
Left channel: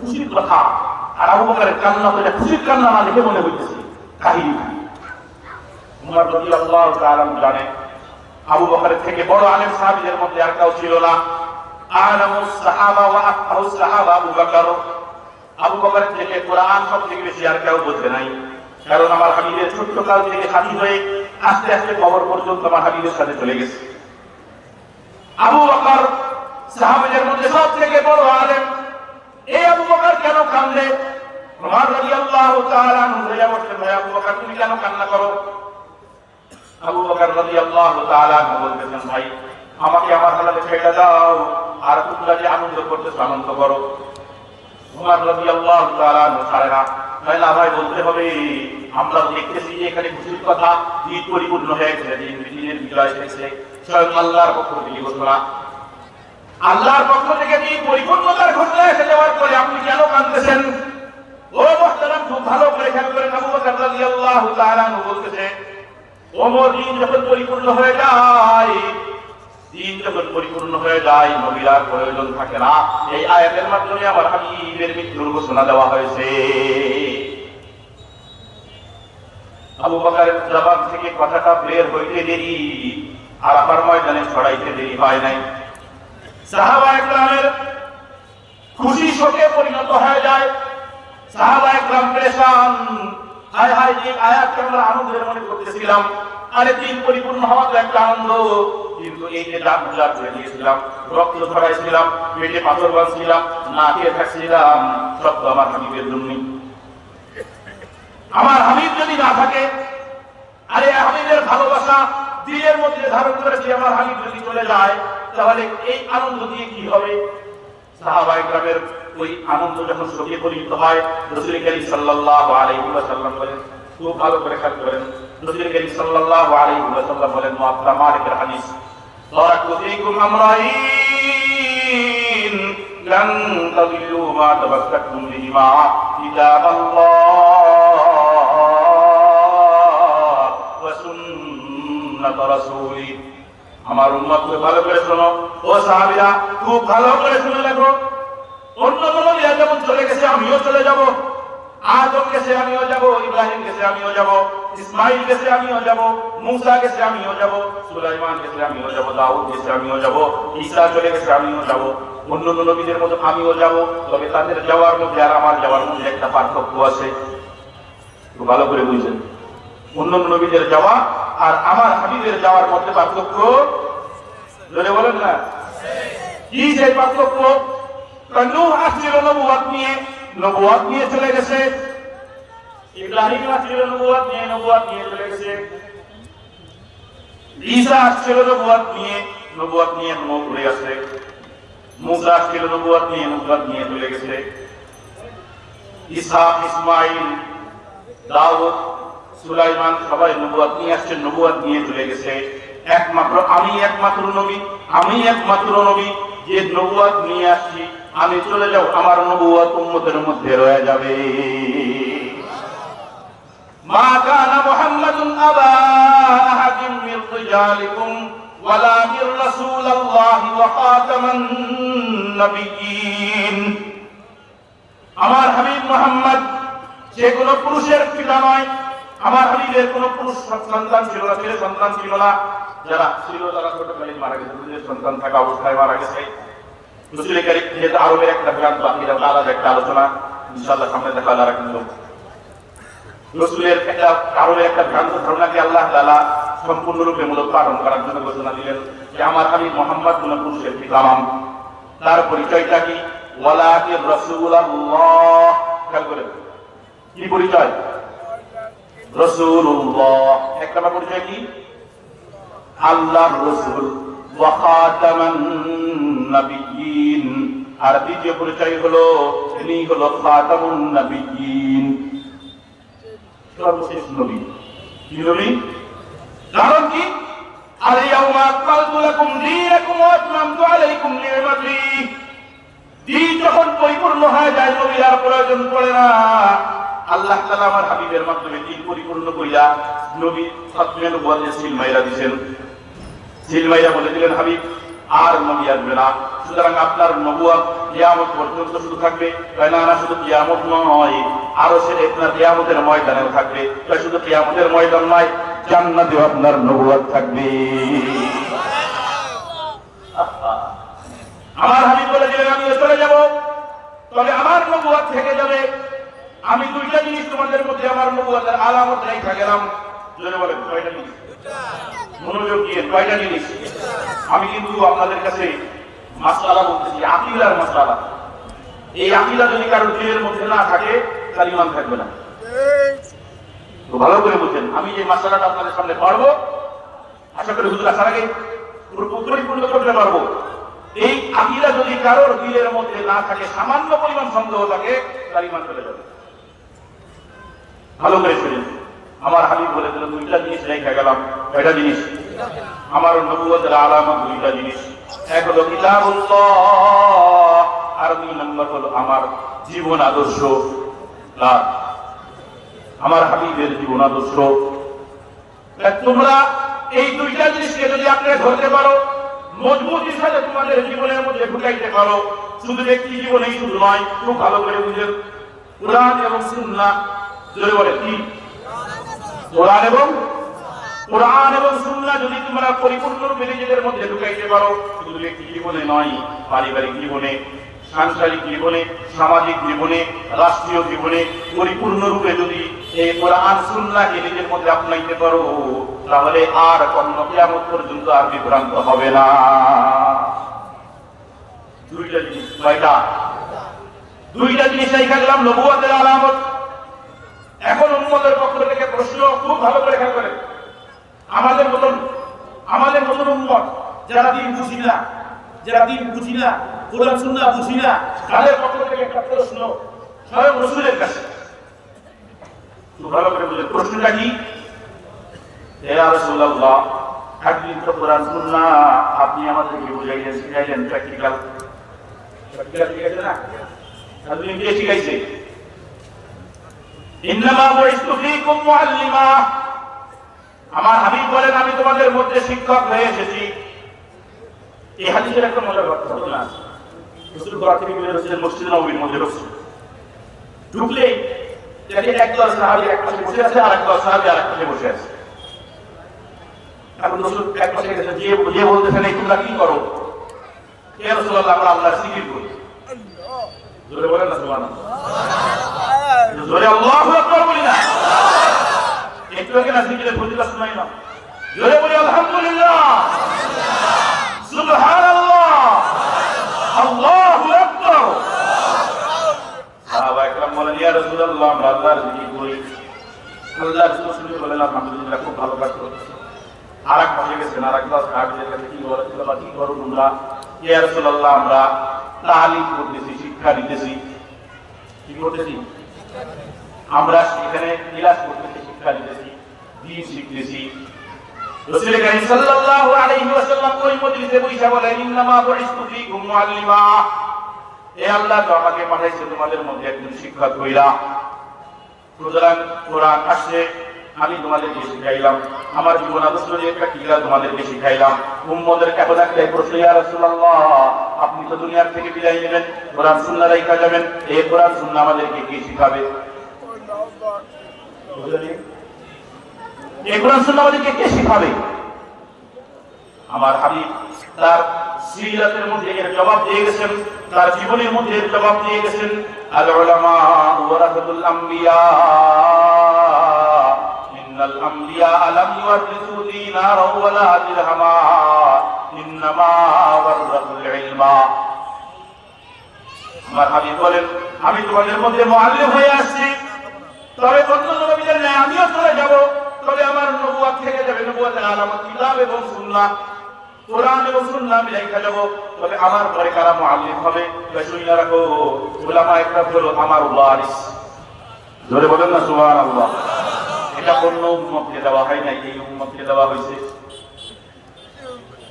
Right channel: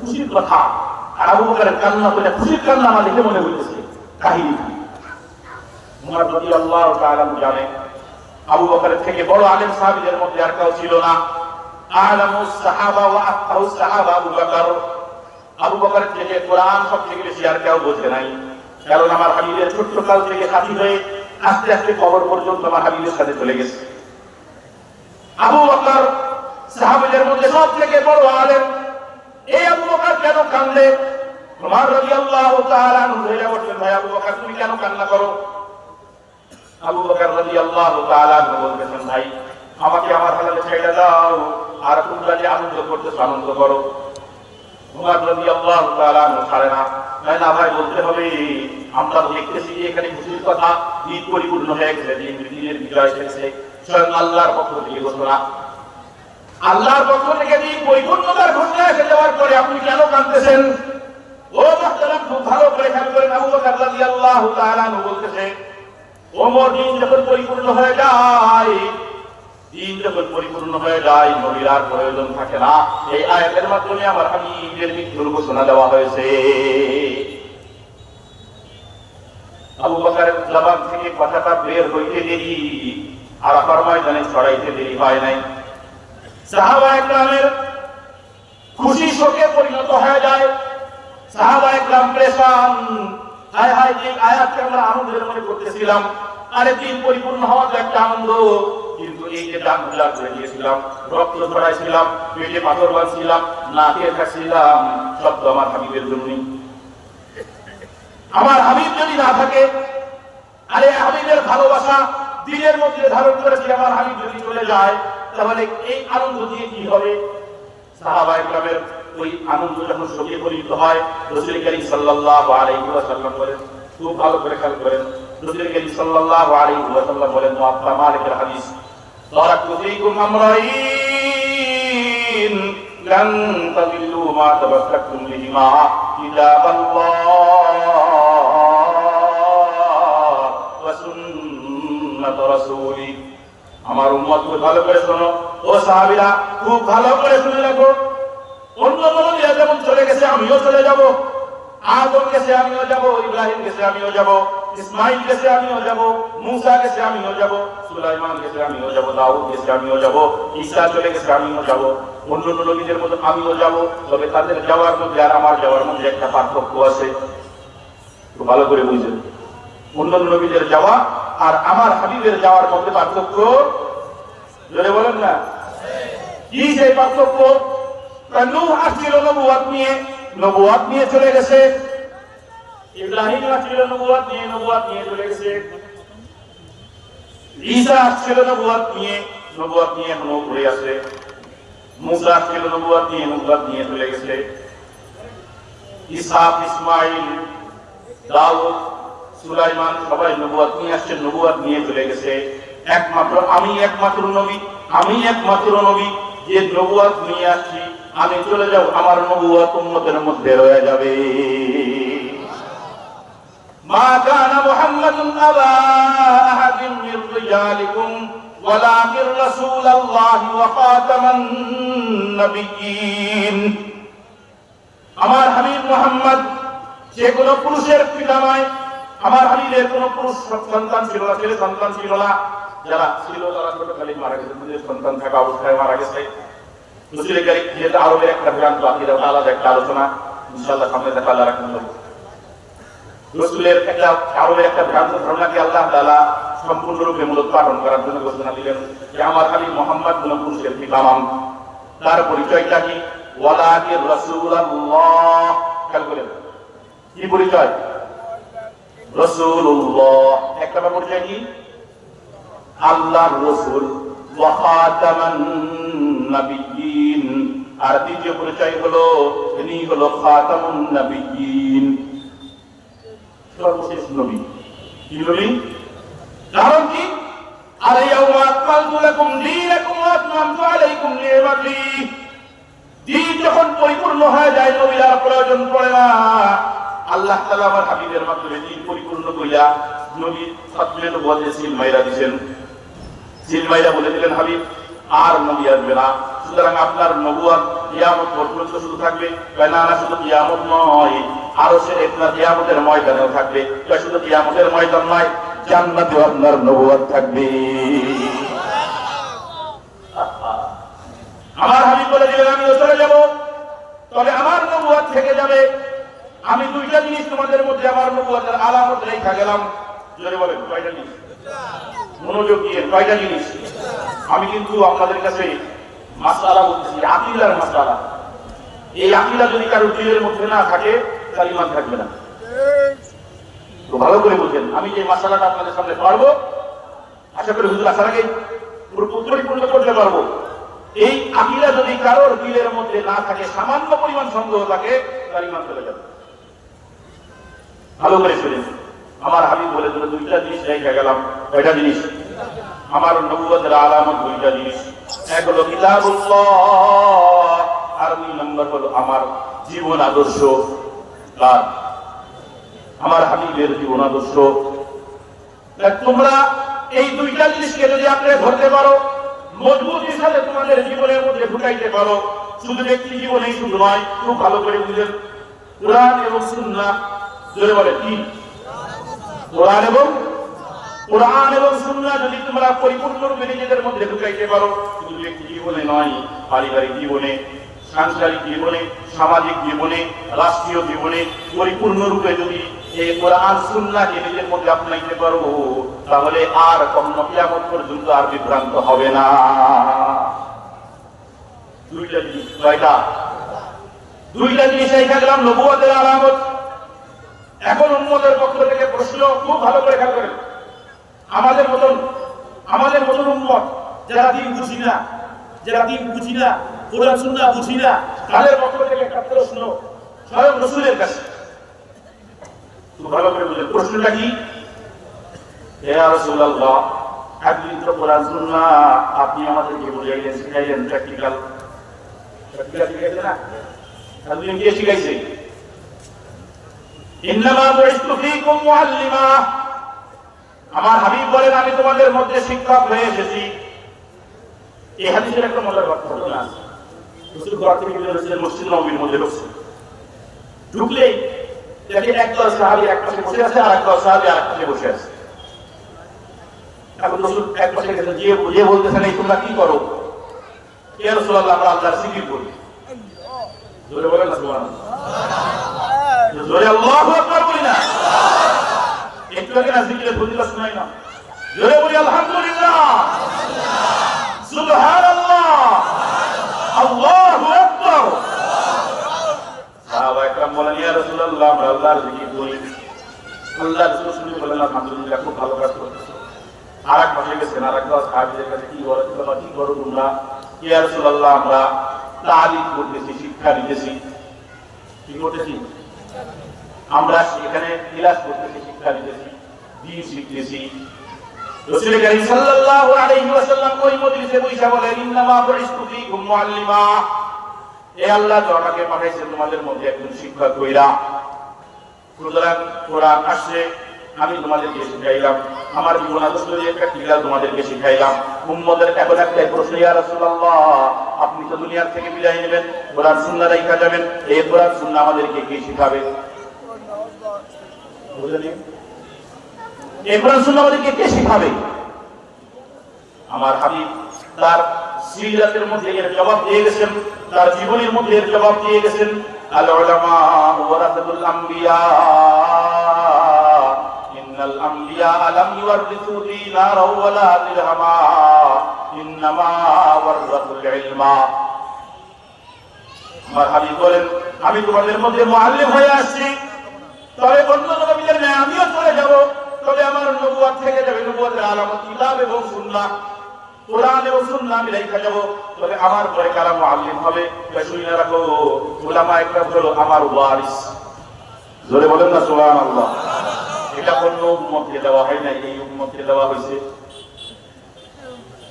খুশির কথা। আর আবু বকরের কান্না তো খুশির কান্না না দেখে মনে হইতেছে কাহিনী। উমর রাদিয়াল্লাহু তাআলা জানেন আবু বকরের থেকে বড় আলেম সাহাবীদের মধ্যে আর কেউ ছিল না। আলামুস সাহাবা ওয়া আফকাহুস সাহাবা আবু বকর। আবু বকরের থেকে কোরআন সবথেকে বেশি আর কেউ বোঝে নাই, কারণ আমার হাবিবের ছোট্ট কাল থেকে সাথী হয়ে আস্তে আস্তে কবর পর্যন্ত আমার হাবিবের সাথে চলে গেছে। আবু বকর সাহাবীদের মধ্যে সবথেকে বড় আলেম। এই আবু বকর কেন কান্দে? উমর রাদিয়াল্লাহু তাআলা আনহু বললেন, ভাই আবু বকর তুমি কেন কান্না করো? আবু বকর রাদিয়াল্লাহু তাআলা আনহু বলতেছেন, ভাই আমাকে আমার হালালে ছেড়ে দাও, আর তোমরা যে আনন্দ করতেছো আনন্দ করো। উমর রাদিয়াল্লাহু তাআলা আনহু ছাড়ে না, না ভাই বলতে হবে, আমরা দেখতেছি যে এখানে খুশির কথা, দিন পরিপূর্ণ হয়ে গেছে, দিনের বিজয় এসেছে, স্বয়ং আল্লাহর পক্ষ থেকে ঘোষণা। আল্লাহর পক্ষ থেকে দিন পরিপূর্ণতার ঘোষণা এসে যাওয়ার পরে আপনি কেন কাঁদতেছেন? ও মুহতারাম, খুব ভালো করে খেয়াল করেন, আবু বকর রাদিয়াল্লাহু তাআলা আনহু বলতেছে, ওমর দিন যখন পরিপূর্ণ হয়ে যায়, দিন যখন পরিপূর্ণ হয়ে যায়, নবীর আর প্রয়োজন থাকে না। এই আয়াতের মাধ্যমে আমার হাবিবের মৃত্যুর ঘোষণা দেওয়া হয়েছে। আবু বকরের জবান থেকে কথাটা বের হইতে দেরি, আরাফার ময়দানে ছড়াইতে দেরি হয় নাই। সাহাবায়ে কেরামের খুশি শোকে পরিণত হয়ে যায়। সাহাবায়ে কেরাম পেরেশান, হায় হায়, যে আয়াতকে আমরা আনন্দের মনে করতেছিলাম, আরে দিন পরিপূর্ণ হওয়া তো একটা আনন্দ, কিন্তু এই যে দাম গুলা করে দিয়েছিলাম, রক্ত ছড়াইছিলাম, পেটে পাথর বাঁধছিলাম, না খেয়ে থাকছিলাম, সব তো আমার হাবিবের জন্যই। আমার হাবিব যদি না থাকে, আরে হাবিবের ভালোবাসা দিলের মধ্যে ধারণ করেছি, আমার হাবিব যদি চলে যায়, তাহলে এই আনন্দ দিয়ে কি হবে? সাহাবায়ে কেরামের ওই আনন্দ যখন শোকে পরিণত হয়, রাসূল করিম সাল্লাল্লাহু আলাইহি ওয়াসাল্লাম বলেন, খুব ভালো করে খেয়াল করেন, রাসূল করিম সাল্লাল্লাহু আলাইহি ওয়াসাল্লাম বলেন, মুআত্তা মালিকের হাদিস, তারাকতু ফীকুম আমরাইন লান তাদিলু মা তামাসসাকতুম বিহিমা কিতাবাল্লাহ ওয়া সুন্নাত রাসূলি। আমার উম্মত ভালো করে শোনো, ও সাহাবীরা খুব ভালো করে শুনে রাখো, অন্য কোন যেমন চলে গেছে আমিও চলে যাব, আদম গেছে আমিও যাব, ইব্রাহিম গেছে আমিও যাব, ইসমাইল গেছে আমিও যাব, মুসা গেছে আমিও যাব, সুলাইমান গেছে আমিও যাব, দাউদ গেছে আমিও যাব, ঈসা চলে গেছে আমিও যাব, অন্য নবীদের মধ্যে আমিও যাব। তবে তাদের যাওয়ার মধ্যে আর আমার যাওয়ার মধ্যে একটা পার্থক্য আছে, একটু ভালো করে বুঝেন। অন্য নবীদের যাওয়া আর আমার হাবিবের যাওয়ার মধ্যে পার্থক্য জোরে বলেন না, কি সেই পার্থক্য? নূহ আসছিল নবুয়ত নিয়ে চলে গেছে, ইব্রাহিম আসছিল নবুয়ত নিয়ে চলে গেছে, ঈসা আসছিল নবুয়ত নিয়ে ঘুরে গেছে, মুসা আসছিল নবুয়ত নিয়ে চলে গেছে, ইসহাক, ইসমাইল, দাউদ, সুলাইমান সবাই নবুয়ত নিয়ে আসছে, নবুয়ত নিয়ে চলে গেছে। একমাত্র আমি একমাত্র নবী যে নবুয়ত নিয়ে আসছি, আমি চলে যাব, আমার নবুয়ত উম্মতের মধ্যে রয়ে যাবে। মা কানা মুহাম্মাদুন আলা আহাদিন মির রিজালিকুম ওয়ালাকিন রাসূলুল্লাহি ওয়া খাতামান নবিয়্যিন। আমার হাবিব মুহাম্মদ যে কোনো পুরুষের পিতা নয়, আমার হাবিবের কোনো পুরুষ সন্তান ছিল না, ছেলে সন্তান ছিল না, যারা ছিল তারা ছোটকালে মারা গেছে, দুধের সন্তান থাকা অবস্থায় মারা গেছে। রাসূল কারীম যেটা আরবের একটা গ্রন্থ, আকীদা আলাদা একটা আলোচনা ইনশাআল্লাহ সামনে দেখা আল্লাহ রাখুন। রাসূলের একটা আরবের একটা গ্রন্থ ধারণাকে আল্লাহ তাআলা সম্পূর্ণরূপে মূলোৎপাদন করার জন্য ঘোষণা দিলেন যে আমার হাবিব মুহাম্মদ কোন পুরুষের ঠিকানা, তার পরিচয়টা কি? ওয়ালাকিন রাসূলুল্লাহ। খেয়াল করেন কি পরিচয়? রাসূলুল্লাহ। এক নম্বর পরিচয় কি? আল্লাহর রাসূল ওয়া খাতামান নাবিয়্যিন। আর দ্বিতীয় পরিচয় হলো তিনি হলো খাতামুন নাবিয়্যিন, সর্বশেষ নবী। কি নবী? কারণ কি? আল-ইয়াওমা আকমালতু লাকুম দীনাকুম ওয়া আতমামতু আলাইকুম নি'মাতি। দিন যখন পরিপূর্ণ হয়ে যায়, নবীর আর প্রয়োজন পড়ে না। আল্লাহ তাআলা আমার হাবিবের মাধ্যমে দিন পরিপূর্ণ করিয়া নবী খাতমে নবুয়তের সিল মাইরা দিয়েছেন। সিল মাইরা বলে দিলেন হাবিব আর নবী আসবে না। সুতরাং আপনার নবুয়ত কিয়ামত পর্যন্ত শুরু থাকবে। না শুধু কিয়ামত নয়, আরশের একটা কিয়ামতের ময়দানেও থাকবে। শুধু কিয়ামতের ময়দান নয়, জান্নাতেও আপনার নবুয়ত থাকবে। আমার হাবিব বলে দিলেন আমিও চলে যাব, তবে আমার নবুয়ত থেকে যাবে। আমি দুইটা জিনিস তোমাদের মধ্যে আমার নবুয়তের আলামত রেখে গেলাম। জোরে বলেন কয়টা জিনিস? মনোযোগ দিয়ে কয়টা জিনিস? আমি কিন্তু আপনাদের কাছে মাসআলা বলতেছি, আকীদার মাসআলা। এই আকীদা যদি কারো দিলের মধ্যে না থাকে তার ঈমান থাকবে না। তো ভালো করে বুঝেন, আমি যে মাসআলাটা আপনাদের সামনে পড়ব, আশা করি হুজুর আসার আগে পরিপূর্ণ করতে পারবো। এই আকীদা যদি কারোর দিলের মধ্যে না থাকে, সামান্য পরিমাণ সন্দেহ থাকে, তার ঈমান চলে যাবে। ভালো করে শুনুন, আমার হাবিব বলে দিল দুইটা জিনিস রেখে গেলাম। কয়টা জিনিস? আমার নবুয়তের আলামত দুইটা জিনিস। এক হলো কিতাবুল্লাহ, আর দুই নম্বর হলো আমার জীবন আদর্শ। আমার হাবিবের জীবন আদর্শ। তোমরা এই দুইটা জিনিসকে যদি আপনি ধরতে পারো, মজবুত হিসাবে তোমাদের জীবনের মধ্যে ঢুকাইতে পারো, শুধু ব্যক্তি জীবনেই শুধু নয়, খুব ভালো করে বুঝেন কোরআন এবং সুন্নাহ। জোরে বলে কি? কোরআন এবং সুন্নাহ যদি তোমরা পরিপূর্ণরূপে নিজেদের মধ্যে ঢুকাইতে পারো, শুধু ব্যক্তি জীবনে নয়, পারিবারিক জীবনে, সাংসারিক জীবনে, সামাজিক জীবনে, রাষ্ট্রীয় জীবনে পরিপূর্ণরূপে যদি এই কোরআন সুন্নাহকে নিজের মধ্যে আপনাইতে পারো, তাহলে আর কখনো কিয়ামত পর্যন্ত আর বিভ্রান্ত হবে না। দুইটা জিনিস। কয়টা? দুইটা জিনিস রেখে গেলাম, নবুয়তের আলামত। এখন উম্মতের পক্ষ থেকে প্রশ্ন, খুব ভালো করে খেয়াল করেন। আমাদের মতন উম্মত যারা দিন বুঝি না, কোরআন সুন্নাহ বুঝি না, তাদের পক্ষ থেকে একটা প্রশ্ন স্বয়ং রাসূলের কাছে। খুব ভালো করে বুঝেন প্রশ্নটা কি? ইয়া রাসূলুল্লাহ, একদিন তো কোরআন সুন্নাহ আপনি আমাদেরকে বুঝাইলেন, শিখাইলেন, প্র্যাকটিক্যাল শিখাইছেন না? একদিন কে শিখাইছে? ইন্নামা বুইস্তু ফীকুম মুআল্লিমা। আমার হাবিব বলেন আমি তোমাদের মধ্যে শিক্ষক হয়ে এসেছি। এই হাদিসের একটা মজার ঘটনা। রাসূল ঘর থেকে বের হয়েছিলেন, মসজিদ নববীর মধ্যে ঢুকলে দেখে একদল সাহাবী এক পাশে বসে আছে, আর একদল সাহাবী আরেক পাশে বসে আছে। এখন রাসূল এক পাশে গেছেন, যে বলতেছেন এই তোমরা কি করো? ইয়া রাসূলুল্লাহ, আমরা আল্লাহর জিকির করি। জোরে বলেন না সুবহানাল্লাহ। জোরে আল্লাহু আকবার বলি না? একটু আগে না জিকিরের ফজিলত শুনাই না? জোরে বলি আলহামদুলিল্লাহ, সুবহানাল্লাহ, আল্লাহু আকবার। সাহাবা একরাম বলেন ইয়া রাসূলুল্লাহ, আমরা আল্লাহর জিকির করি। আল্লাহর রাসূল শুনে বলেন আলহামদুলিল্লাহ, খুব ভালো কাজ করতেছেন। আরেক পাশে গেছেন, আরেকবার সাহাবীদের কাছে কি করো তোমরা? ইয়া রাসূলুল্লাহ, আমরা তালিম করতেছি, শিক্ষা দিতেছি। কি করতেছি? আমরা এখানে ক্লাস করতেছি, শিক্ষা দিতেছি, দ্বীন শিখতেছি। রাসূল কারীম সাল্লাল্লাহু আলাইহি ওয়াসাল্লাম ওই মজলিসে বসে বলেন ইন্নামা বুইস্তু ফীকুম মুআল্লিমা। এ আল্লাহ তো আমাকে পাঠাইছে তোমাদের মধ্যে একজন শিক্ষক কইরা। সুতরাং কোরআন আসছে, আমি তোমাদেরকে শিখাইলাম, আমার জীবন আদর্শ দিয়ে প্র্যাকটিক্যাল তোমাদেরকে শিখাইলাম। উম্মতের এখন একটাই প্রশ্ন, ইয়া রাসূলুল্লাহ, আপনি তো দুনিয়ার থেকে বিদায় নেবেন, কোরআন সুন্নাহ রাইখা যাবেন, এই কোরআন সুন্নাহ আমাদেরকে কে শিখাবে? বুঝলেন? এই কোরআন সুন্নাহ আমাদেরকে কে শিখাবে? আমার হাবিব তার সিরাতের মধ্যে এর জবাব দিয়ে গেছেন, তার জীবনের মধ্যে এর জবাব দিয়ে গেছেন। আল উলামা ওয়ারাসাতুল আমবিয়া, ইন্নাল আমবিয়া লাম ইওয়ারিসু দিনারা ওয়ালা দিরহামা, ইন্নামা ওয়ারাসাতুল ইলমা। আমার হাবিব বলেন, আমি তোমাদের মধ্যে মুআল্লিম হয়ে আসছি, তবে অন্য নবীদের ন্যায় আমিও চলে যাব, তবে আমার নবুয়ত থেকে যাবে নবুয়তের আলামত কিতাব এবং সুন্নাহ, কোরআন এবং সুন্নাহ মিলাই যাব। তবে আমার পরে কারা মুআল্লিম হবে, শুনে রাখো, উলামায়ে কেরাম হলো আমার ওয়ারিস। জোরে বলেন না সুবহানাল্লাহ। এটা অন্য উম্মতকে দেওয়া হয় না, এই উম্মতকে দেওয়া হয়েছে।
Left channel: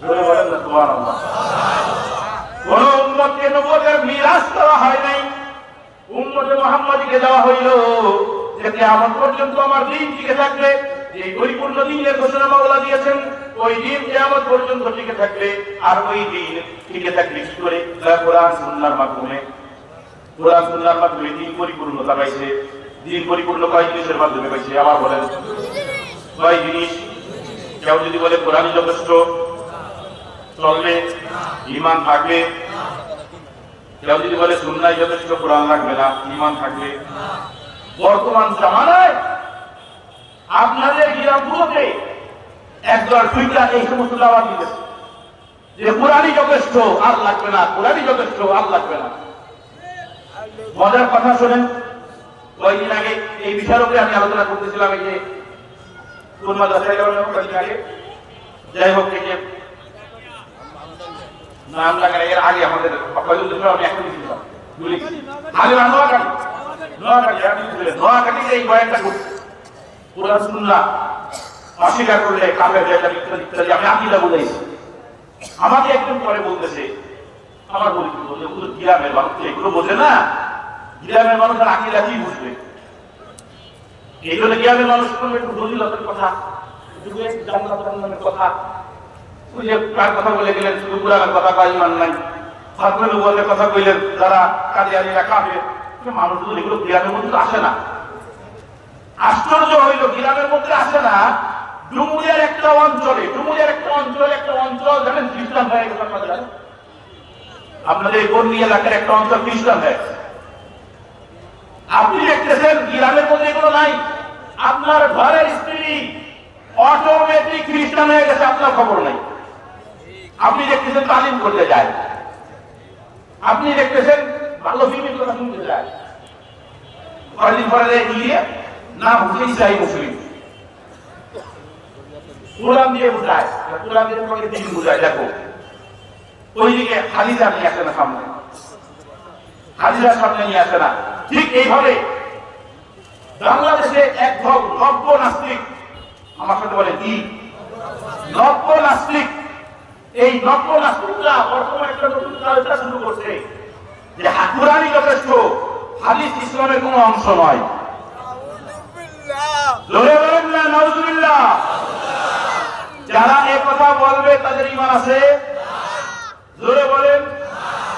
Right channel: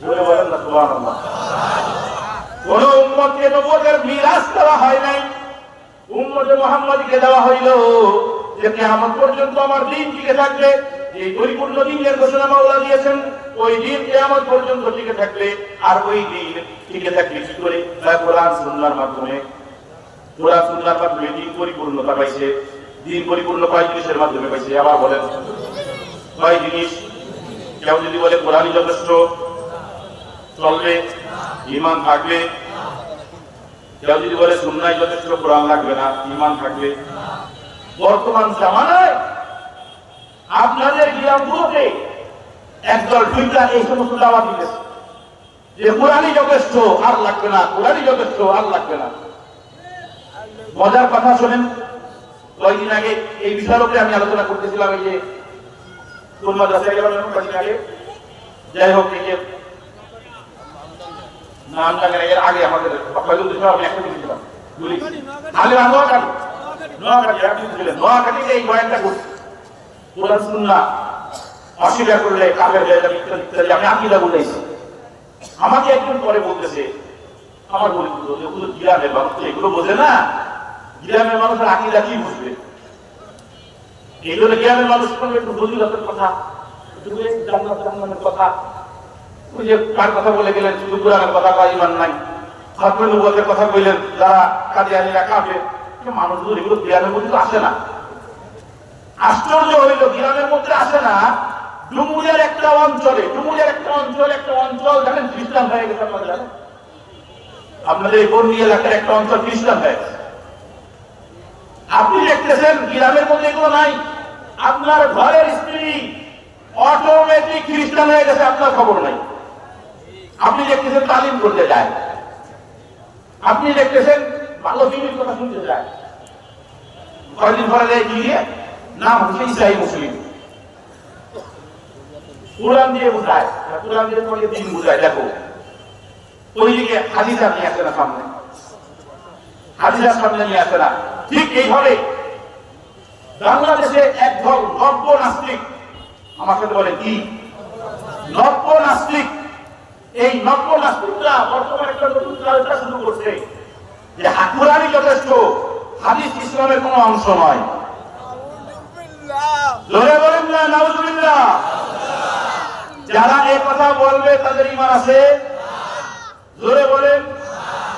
জোরে বলেন না সুবহানাল্লাহ। কোন উম্মতকে নবুয়তের মিরাস দেওয়া হয় নাই, উম্মতে মুহাম্মাদীকে দেওয়া হইল যে কিয়ামত পর্যন্ত আমার দ্বীন টিকে থাকবে। যে পরিপূর্ণ দ্বীনের ঘোষণা মাওলা দিয়েছেন, ওই দ্বীন কিয়ামত পর্যন্ত টিকে থাকবে। আর ওই দ্বীন টিকে থাকবে কি করে? কোরআন সুন্নাহর মাধ্যমে। কোরআন সুন্নাহর মাধ্যমে দ্বীন পরিপূর্ণতা পাইছে। দ্বীন পরিপূর্ণ কয় জিনিসের মাধ্যমে পাইছে? আবার বলেন কয় জিনিস? কেউ যদি বলে কোরআনই যথেষ্ট, চলবে, ঈমান থাকবে। কেউ যদি বলে সুন্নাহই যথেষ্ট, কোরআন লাগবে না, ঈমান থাকবে। বর্তমান জামানায় আপনাদের গিরামগুলোতে একদল টুইটার এই সমস্ত দাওয়াত দিতেছে যে কোরআনই যথেষ্ট, আর লাগবে না, কোরআনই যথেষ্ট, আর লাগবে না। মজার কথা শোনেন, কয়েকদিন আগে এই বিষয়ের উপরে আমি আলোচনা করতেছিলাম। এই যে কোন মাদ্রাসায় গেলাম কয়েকদিন আগে, যাই হোক, এই যে নাম লাগা এর আগে আমাদের আমি এখন দিয়েছিলাম নোয়াখালী এই বয়ানটা করছি, কোরআন সুন্নাহ অস্বীকার করলে কাফের হয়ে যাবে ইত্যাদি ইত্যাদি। আমি আকীদা বুঝাইছি। আমাকে একজন পরে বলতেছে, আমার বলতে গ্রামের মানুষ এগুলো বোঝে না, গ্রামের মানুষের আকীদা কি বুঝবে? এগুলো গ্রামের মানুষ একটু দলিলতের কথা, একটু জান্নাত জাহান্নামের কথা, ওই যে কার কথা বলে গেলেন, শুধু কোরআনের কথা কয় ইমান নাই, খাতমে নবুয়তের কথা কইলেন, যারা কাদিয়ানীরা কাফের। মানুষগুলো এগুলো গ্রামের মধ্যে আসে না। আশ্চর্য হইল, গ্রামের মধ্যে আসে না। ডুমুরিয়ার একটা অঞ্চলে, একটা অঞ্চল জানেন খ্রিস্টান হয়ে গেছে। আপনারা জানেন, আপনাদের বন্যী এলাকার একটা অঞ্চল খ্রিস্টান হয়ে গেছে। আপনি দেখতেছেন গ্রামের মধ্যে এগুলো নাই। আপনার ঘরের স্ত্রী অটোমেটিক খ্রিস্টান হয়ে গেছে, আপনার খবর নাই। আপনি দেখতেছেন তালিম করতে যায়, আপনি দেখতেছেন ভালো ফিল্মের কথা শুনতে যায়, কয়েকদিন পরে গিয়ে নাম হচ্ছে ইসরায়েল মুসলিম, কোরআন দিয়ে বোঝায়, কোরআন দিয়ে তোমাকে দিন বোঝায়। দেখো ওইদিকে হাদিসা নিয়ে আসে না সামনে, হাদিসার সামনে নিয়ে আসে না। ঠিক এইভাবে বাংলাদেশে এক দল নব্য নাস্তিক, আমার সাথে বলে কি নব্য নাস্তিক, এই নব্য নাস্তিকরা বর্তমানে একটা নতুন কালচার শুরু করছে যে কোরআনই যথেষ্ট, হাদিস ইসলামের কোন অংশ নয়। জোরে বলেন না নাউজুবিল্লাহ। যারা এই কথা বলবে তাদের ঈমান আছে? জোরে বলেন।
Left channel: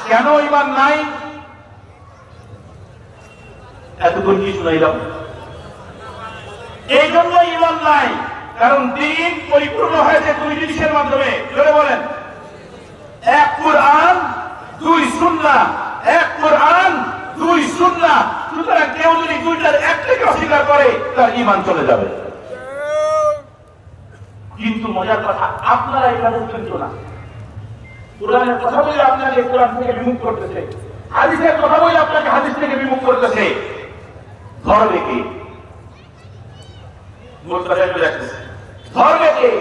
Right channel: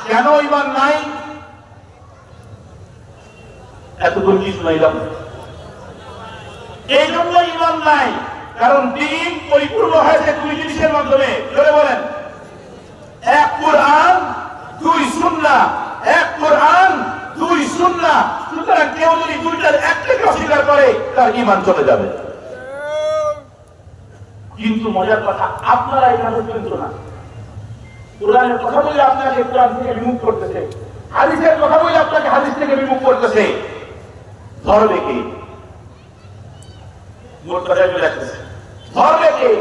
কেন ঈমান নাই? এতদূর কি শুনাইলাম? এই জন্য ঈমান নাই, কারণ দ্বীন পরিপূর্ণ হয়েছে দুই জিনিসের মাধ্যমে। জোরে বলেন, এক কোরআন, দুই সুন্নাহ। এক কোরআন, দুই সুন্নাহ। সুতরাং কেউ যদি দুইটার একটাকে অস্বীকার করে তার ঈমান চলে যাবে। কিন্তু মজার কথা, আপনারা এটা বুঝবেন তো না। কোরআনের কথা বলে আপনাকে কোরআন থেকে বিমুখ করতেছে, হাদিসের কথা বলে আপনাকে হাদিস থেকে বিমুখ করতেছে। ধরবে কে? ধরবে কে?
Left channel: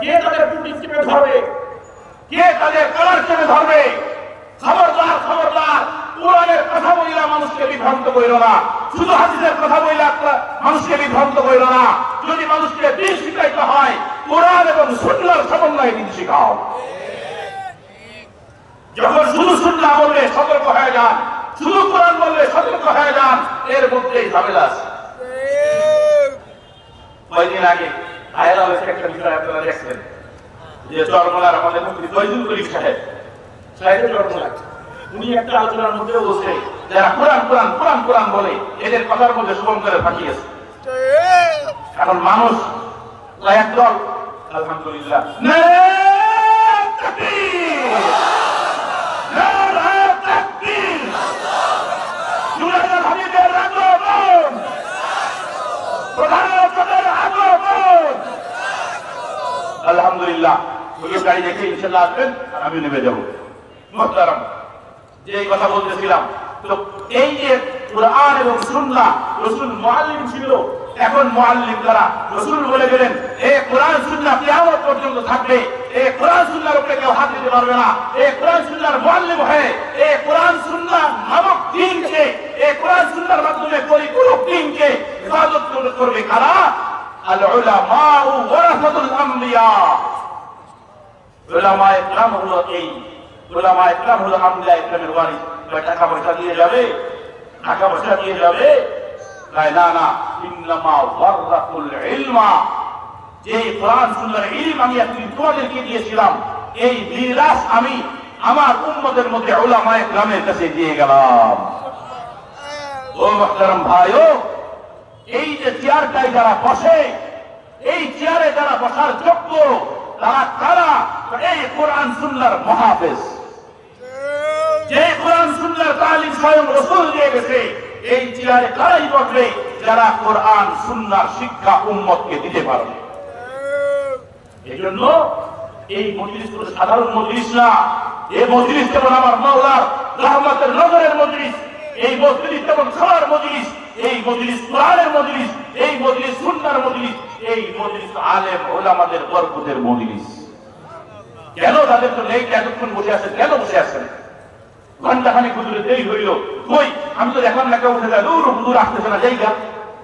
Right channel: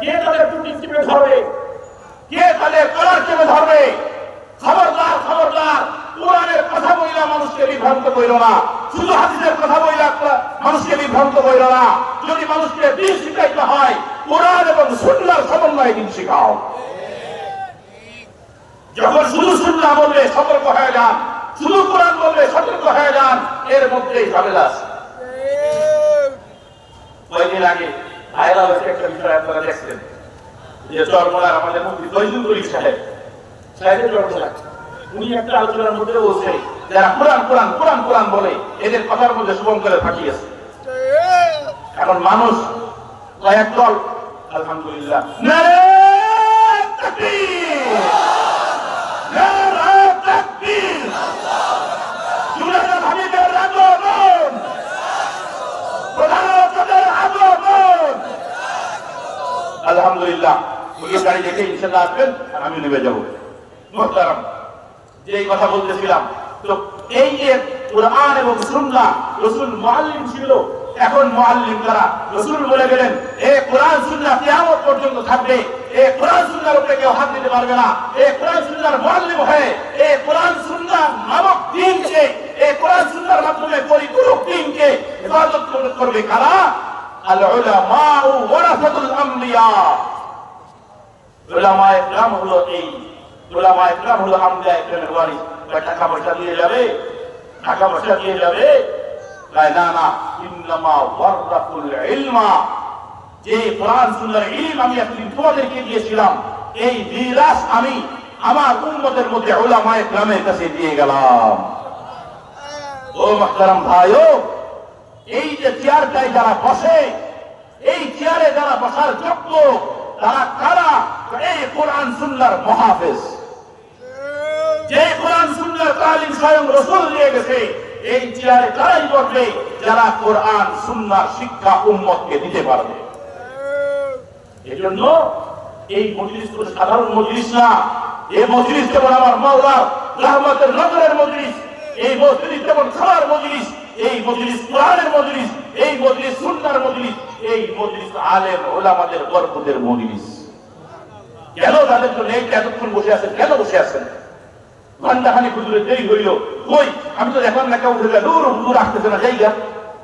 কে তাদের টুটি চেপে ধরবে? কে তাদের কলার চেপে ধরবে? খবরদার, খবরদার, কোরআনের কথা বইলা মানুষকে বিভ্রান্ত কইল না, শুধু হাদিসের কথা বইলা মানুষকে বিভ্রান্ত কইল না। যদি মানুষকে দিন শিখাইতে হয়, কোরআন এবং সুন্নাহর সমন্বয়ে দিন শিখাও। যখন শুধু সুন্নাহ বললে সতর্ক হয়ে যান, শুধু কোরআন বললে সতর্ক হয়ে যান, এর মধ্যেই ঝামেলা আছে। কয়েকদিন আগে ভাইরাল হয়েছে একটা বিষয়, আপনারা দেখছেন যে চরমোনার আমাদের মুফতি ফয়জুল করিম সাহেব চরমোনার, উনি একটা আলোচনার মধ্যে বলছে যারা কোরআন কোরআন কোরআন কোরআন বলে এদের কথার মধ্যে শুভম করে ফাঁকিয়েছে। এখন মানুষ একদল আলহামদুলিল্লাহ তাকবীর, নারায়ে তাকবীর। জুনায়েদ হাবিবের আগমন, প্রধানমন্ত্রীর আগমন। আলহামদুলিল্লাহ, এই গাড়ি দেখে ইনশাআল্লাহ আসবেন, আমি নেমে যাব। মুহতারাম, যে কথা বলতেছিলাম, তো এই যে কুরআন এবং সুন্নাহ, রাসূল মুআল্লিম ছিল, এখন মুআল্লিম দ্বারা রাসূল বলে গেলেন, এই কুরআন সুন্নাহ কিয়ামত পর্যন্ত থাকবে, এই কুরআন সুন্নাহর উপরে কেউ হাত দিতে পারবে না। এই কুরআন সুন্নাহর মুআল্লিম হয়ে এই কুরআন সুন্নাহ নামক দ্বীনকে, এই কুরআন সুন্নাহর মাধ্যমে পরিপূরক দ্বীনকে ইবাদত করবে কারা? আল উলামা ওয়ারাসাতুল আমবিয়া। উলামায়ে কেরাম হলো এই উলামায়ে কেরাম হলো আমবিয়া কেরামের ওয়ারিস। টাকা পয়সা দিয়ে যাবে, টাকা পয়সা দিয়ে যাবে, না না, ইন্নামা ওয়ারাসাতুল ইলমা। যে কোরআন সুন্নাহর ইলম আমি তোমাদেরকে দিয়েছিলাম, এই মিরাস আমি আমার উম্মতের মধ্যে উলামায়ে কেরামের কাছে দিয়ে গেলাম। ও মুহতারাম ভাইও, এই যে চেয়ারটায় যারা বসে, এই চেয়ারে যারা বসার যোগ্য, তারা কারা? এই কোরআন সুন্নাহর মুহাফিজ। যে কোরআন সুন্নাহর তালিম স্বয়ং রাসূল দিয়ে গেছে, এই চেয়ারে তারাই বসবে যারা কোরআন সুন্নাহর শিক্ষা উম্মতকে দিতে পারবে। এজন্য এই মজলিস কোনো সাধারণ মজলিস না। এই মজলিস যেমন আমার মাওলার রহমতের নগরের মজলিস, এই মজলিস যেমন খাওয়ার মজলিস, এই মজলিস কোরআনের মজলিস, এই মজলিস সুন্নাহর মজলিস, এই মজলিস আলেম ওলামাদের বরকতের মজলিস। কেন তাদের জন্য এই এতক্ষণ বসে আছেন? কেন বসে আছেন? ঘন্টাখানে হুজুরে দেরি হইল, কই আমি তো এখন লেখা উঠে গেল, হুজুর আসতেছে না, জায়গা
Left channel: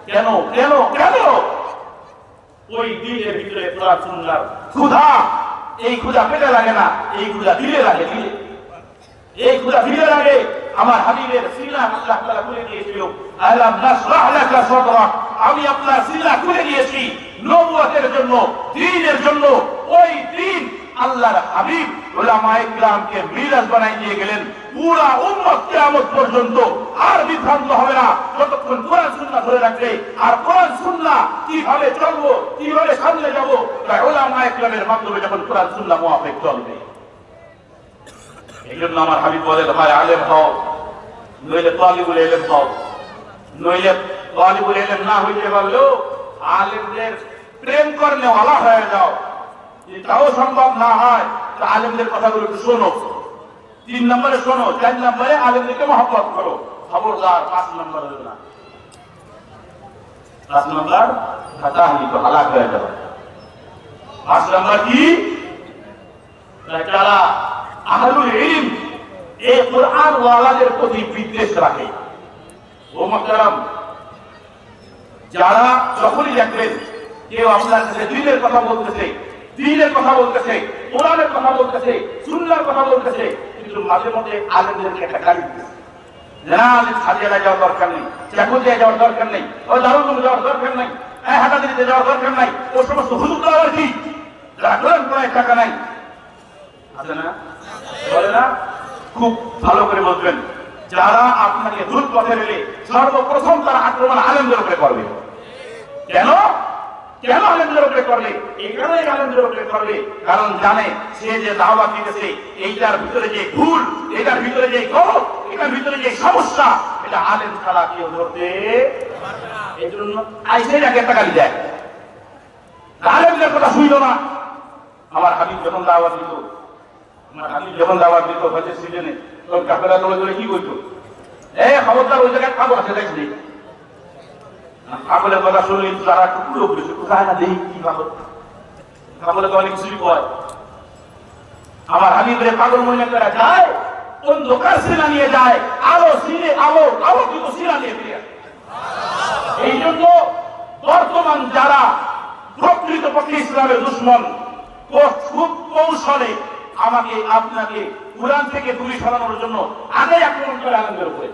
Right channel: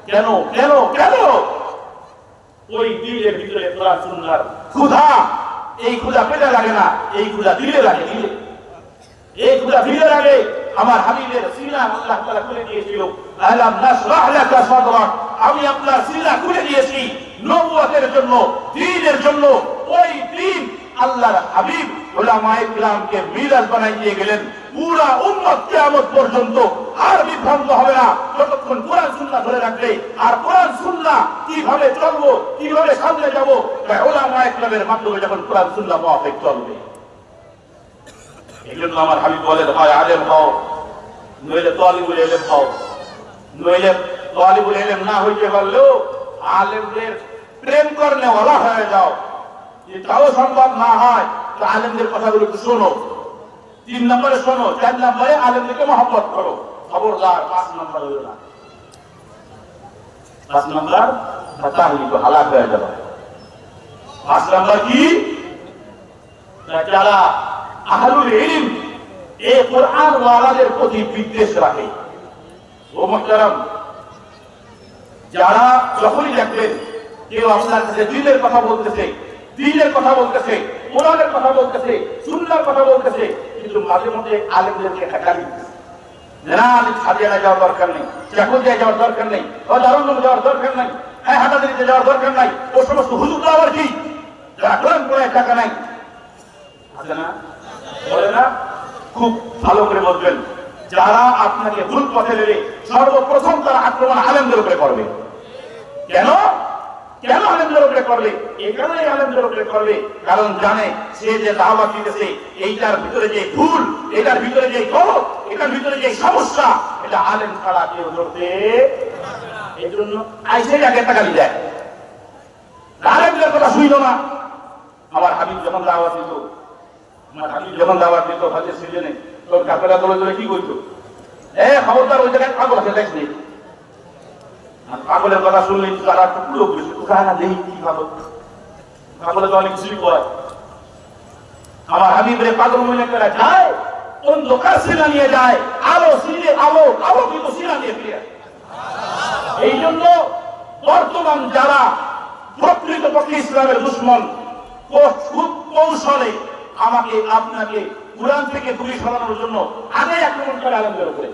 কেন কেন কেন? ওই দিলের ভিতরে কোরআন সুন্নাহর ক্ষুধা, এই ক্ষুধা পেটে লাগে না, এই ক্ষুধা দিলে লাগে, দিলে এই ক্ষুধা দিলে লাগে। আমার হাবিবের সিনা আল্লাহ তাআলা খুলে দিয়েছিল, আলাম নাশরাহ লাকা সাদরাক, আমি আপনার সিনা খুলে দিয়েছি নবুয়তের জন্য, দ্বীনের জন্য। ওই দ্বীন আল্লাহর হাবিব উলামায়ে কিরামকে মিরাজ বানাই দিয়ে গেলেন। পুরা উম্মত কিয়ামত পর্যন্ত আর বিভ্রান্ত হবে না যতক্ষণ কোরআন সুন্নাহ ধরে রাখবে। আর কোরআন সুন্নাহ কিভাবে চলবো, কিভাবে সামনে যাব, তাই উলামায়ে কিরামের মাধ্যমে যখন কোরআন সুন্নাহ মুআফিক চলবে। এইজন্য আমার হাবিব বলেন, ভাই আলেম হও, নইলে তালিবুল ইলম হও। নইলে তালিবুল ইলম না হইতে পারলেও আলেমদের প্রেম করলে ভালো হয়ে যাও। এটাও সম্ভব না হয় তো আলেমদের কথাগুলো একটু শোনো। 3 নম্বরে শোনো, 4 নম্বরে আলেমদেরকে মহব্বত করো। খবরদার 5 নম্বর হইল না। 5 নম্বর তাহলে তো হালাক হয়ে যাবে। 5 নম্বর কি? যারা আহলুল ইলম এই কোরআন ওয়ালাদের প্রতি বিদ্বেষ রাখে। ও মুহতারাম, যারা যখনই দেখবেন কেউ আপনার কাছে দ্বীনের কথা বলতেছে, দ্বীনের কথা বলতেছে, কোরআনের কথা বলতেছে, সুন্নাহর কথা বলতেছে, কিন্তু মাঝে মধ্যে আলেমদেরকে একটা গালি দিতেছে, না আলেম সাজিয়ে যাওয়ার দরকার নেই, চাকুরিয়া যাওয়ার দরকার নেই, ও দারুল যাওয়ার দরকার নেই, হাটাদিতে যাওয়ার দরকার নাই, ও সমস্ত হুজুর তো আবার কি যারা কোরআন পড়ায় টাকা নাই, আছে না? বলে না? খুব ভালো করে বলবেন, যারা আপনাকে ভুল পথে নেবে সর্বপ্রথম তারা আক্রমণ আলেমদের উপরে করবে। কেন কেন আলেমদের উপরে করবে? এই কারণে আলেমদের উপরে করবে, কারণ জানে সে যে দাওয়াত দিতেছে এইটার ভিতরে যে ভুল, এটার ভিতরে যে গলত, এটার ভিতরে যে সমস্যা, এটা আলেম ছাড়া কেউ ধরতে। এই জন্য আইসে আগে একটা গালি দেয়, আলেমদের কথা শুনল না। আমার হাবিব যখন দাওয়াত দিত, আমার হাবিব যখন দাওয়াত দিত হজের সিজনে, তখন কাফেলা দলে দলে কি বলতো? খবরদার ওই জায়গায় পাগল আছে, দেখলি পাগলের কথা শুনলে তারা টুকরো করে কানা দেই কি ভালো, পাগলের তো অনেক কিছুই কয়। আমার হাবিবের পাগল মহিলারা যায়, অন্ধকার সিনা নিয়ে যায়, আলো সিনে আলো আলো কিন্তু সিনা নিয়ে ফিরে। এই জন্য বর্তমান যারা প্রকৃতপক্ষে ইসলামের দুশমন, খুব কৌশলে আমাকে আপনাকে কুরআন থেকে দূরে সরানোর জন্য আগে আক্রমণ করে আলেমদের উপরে,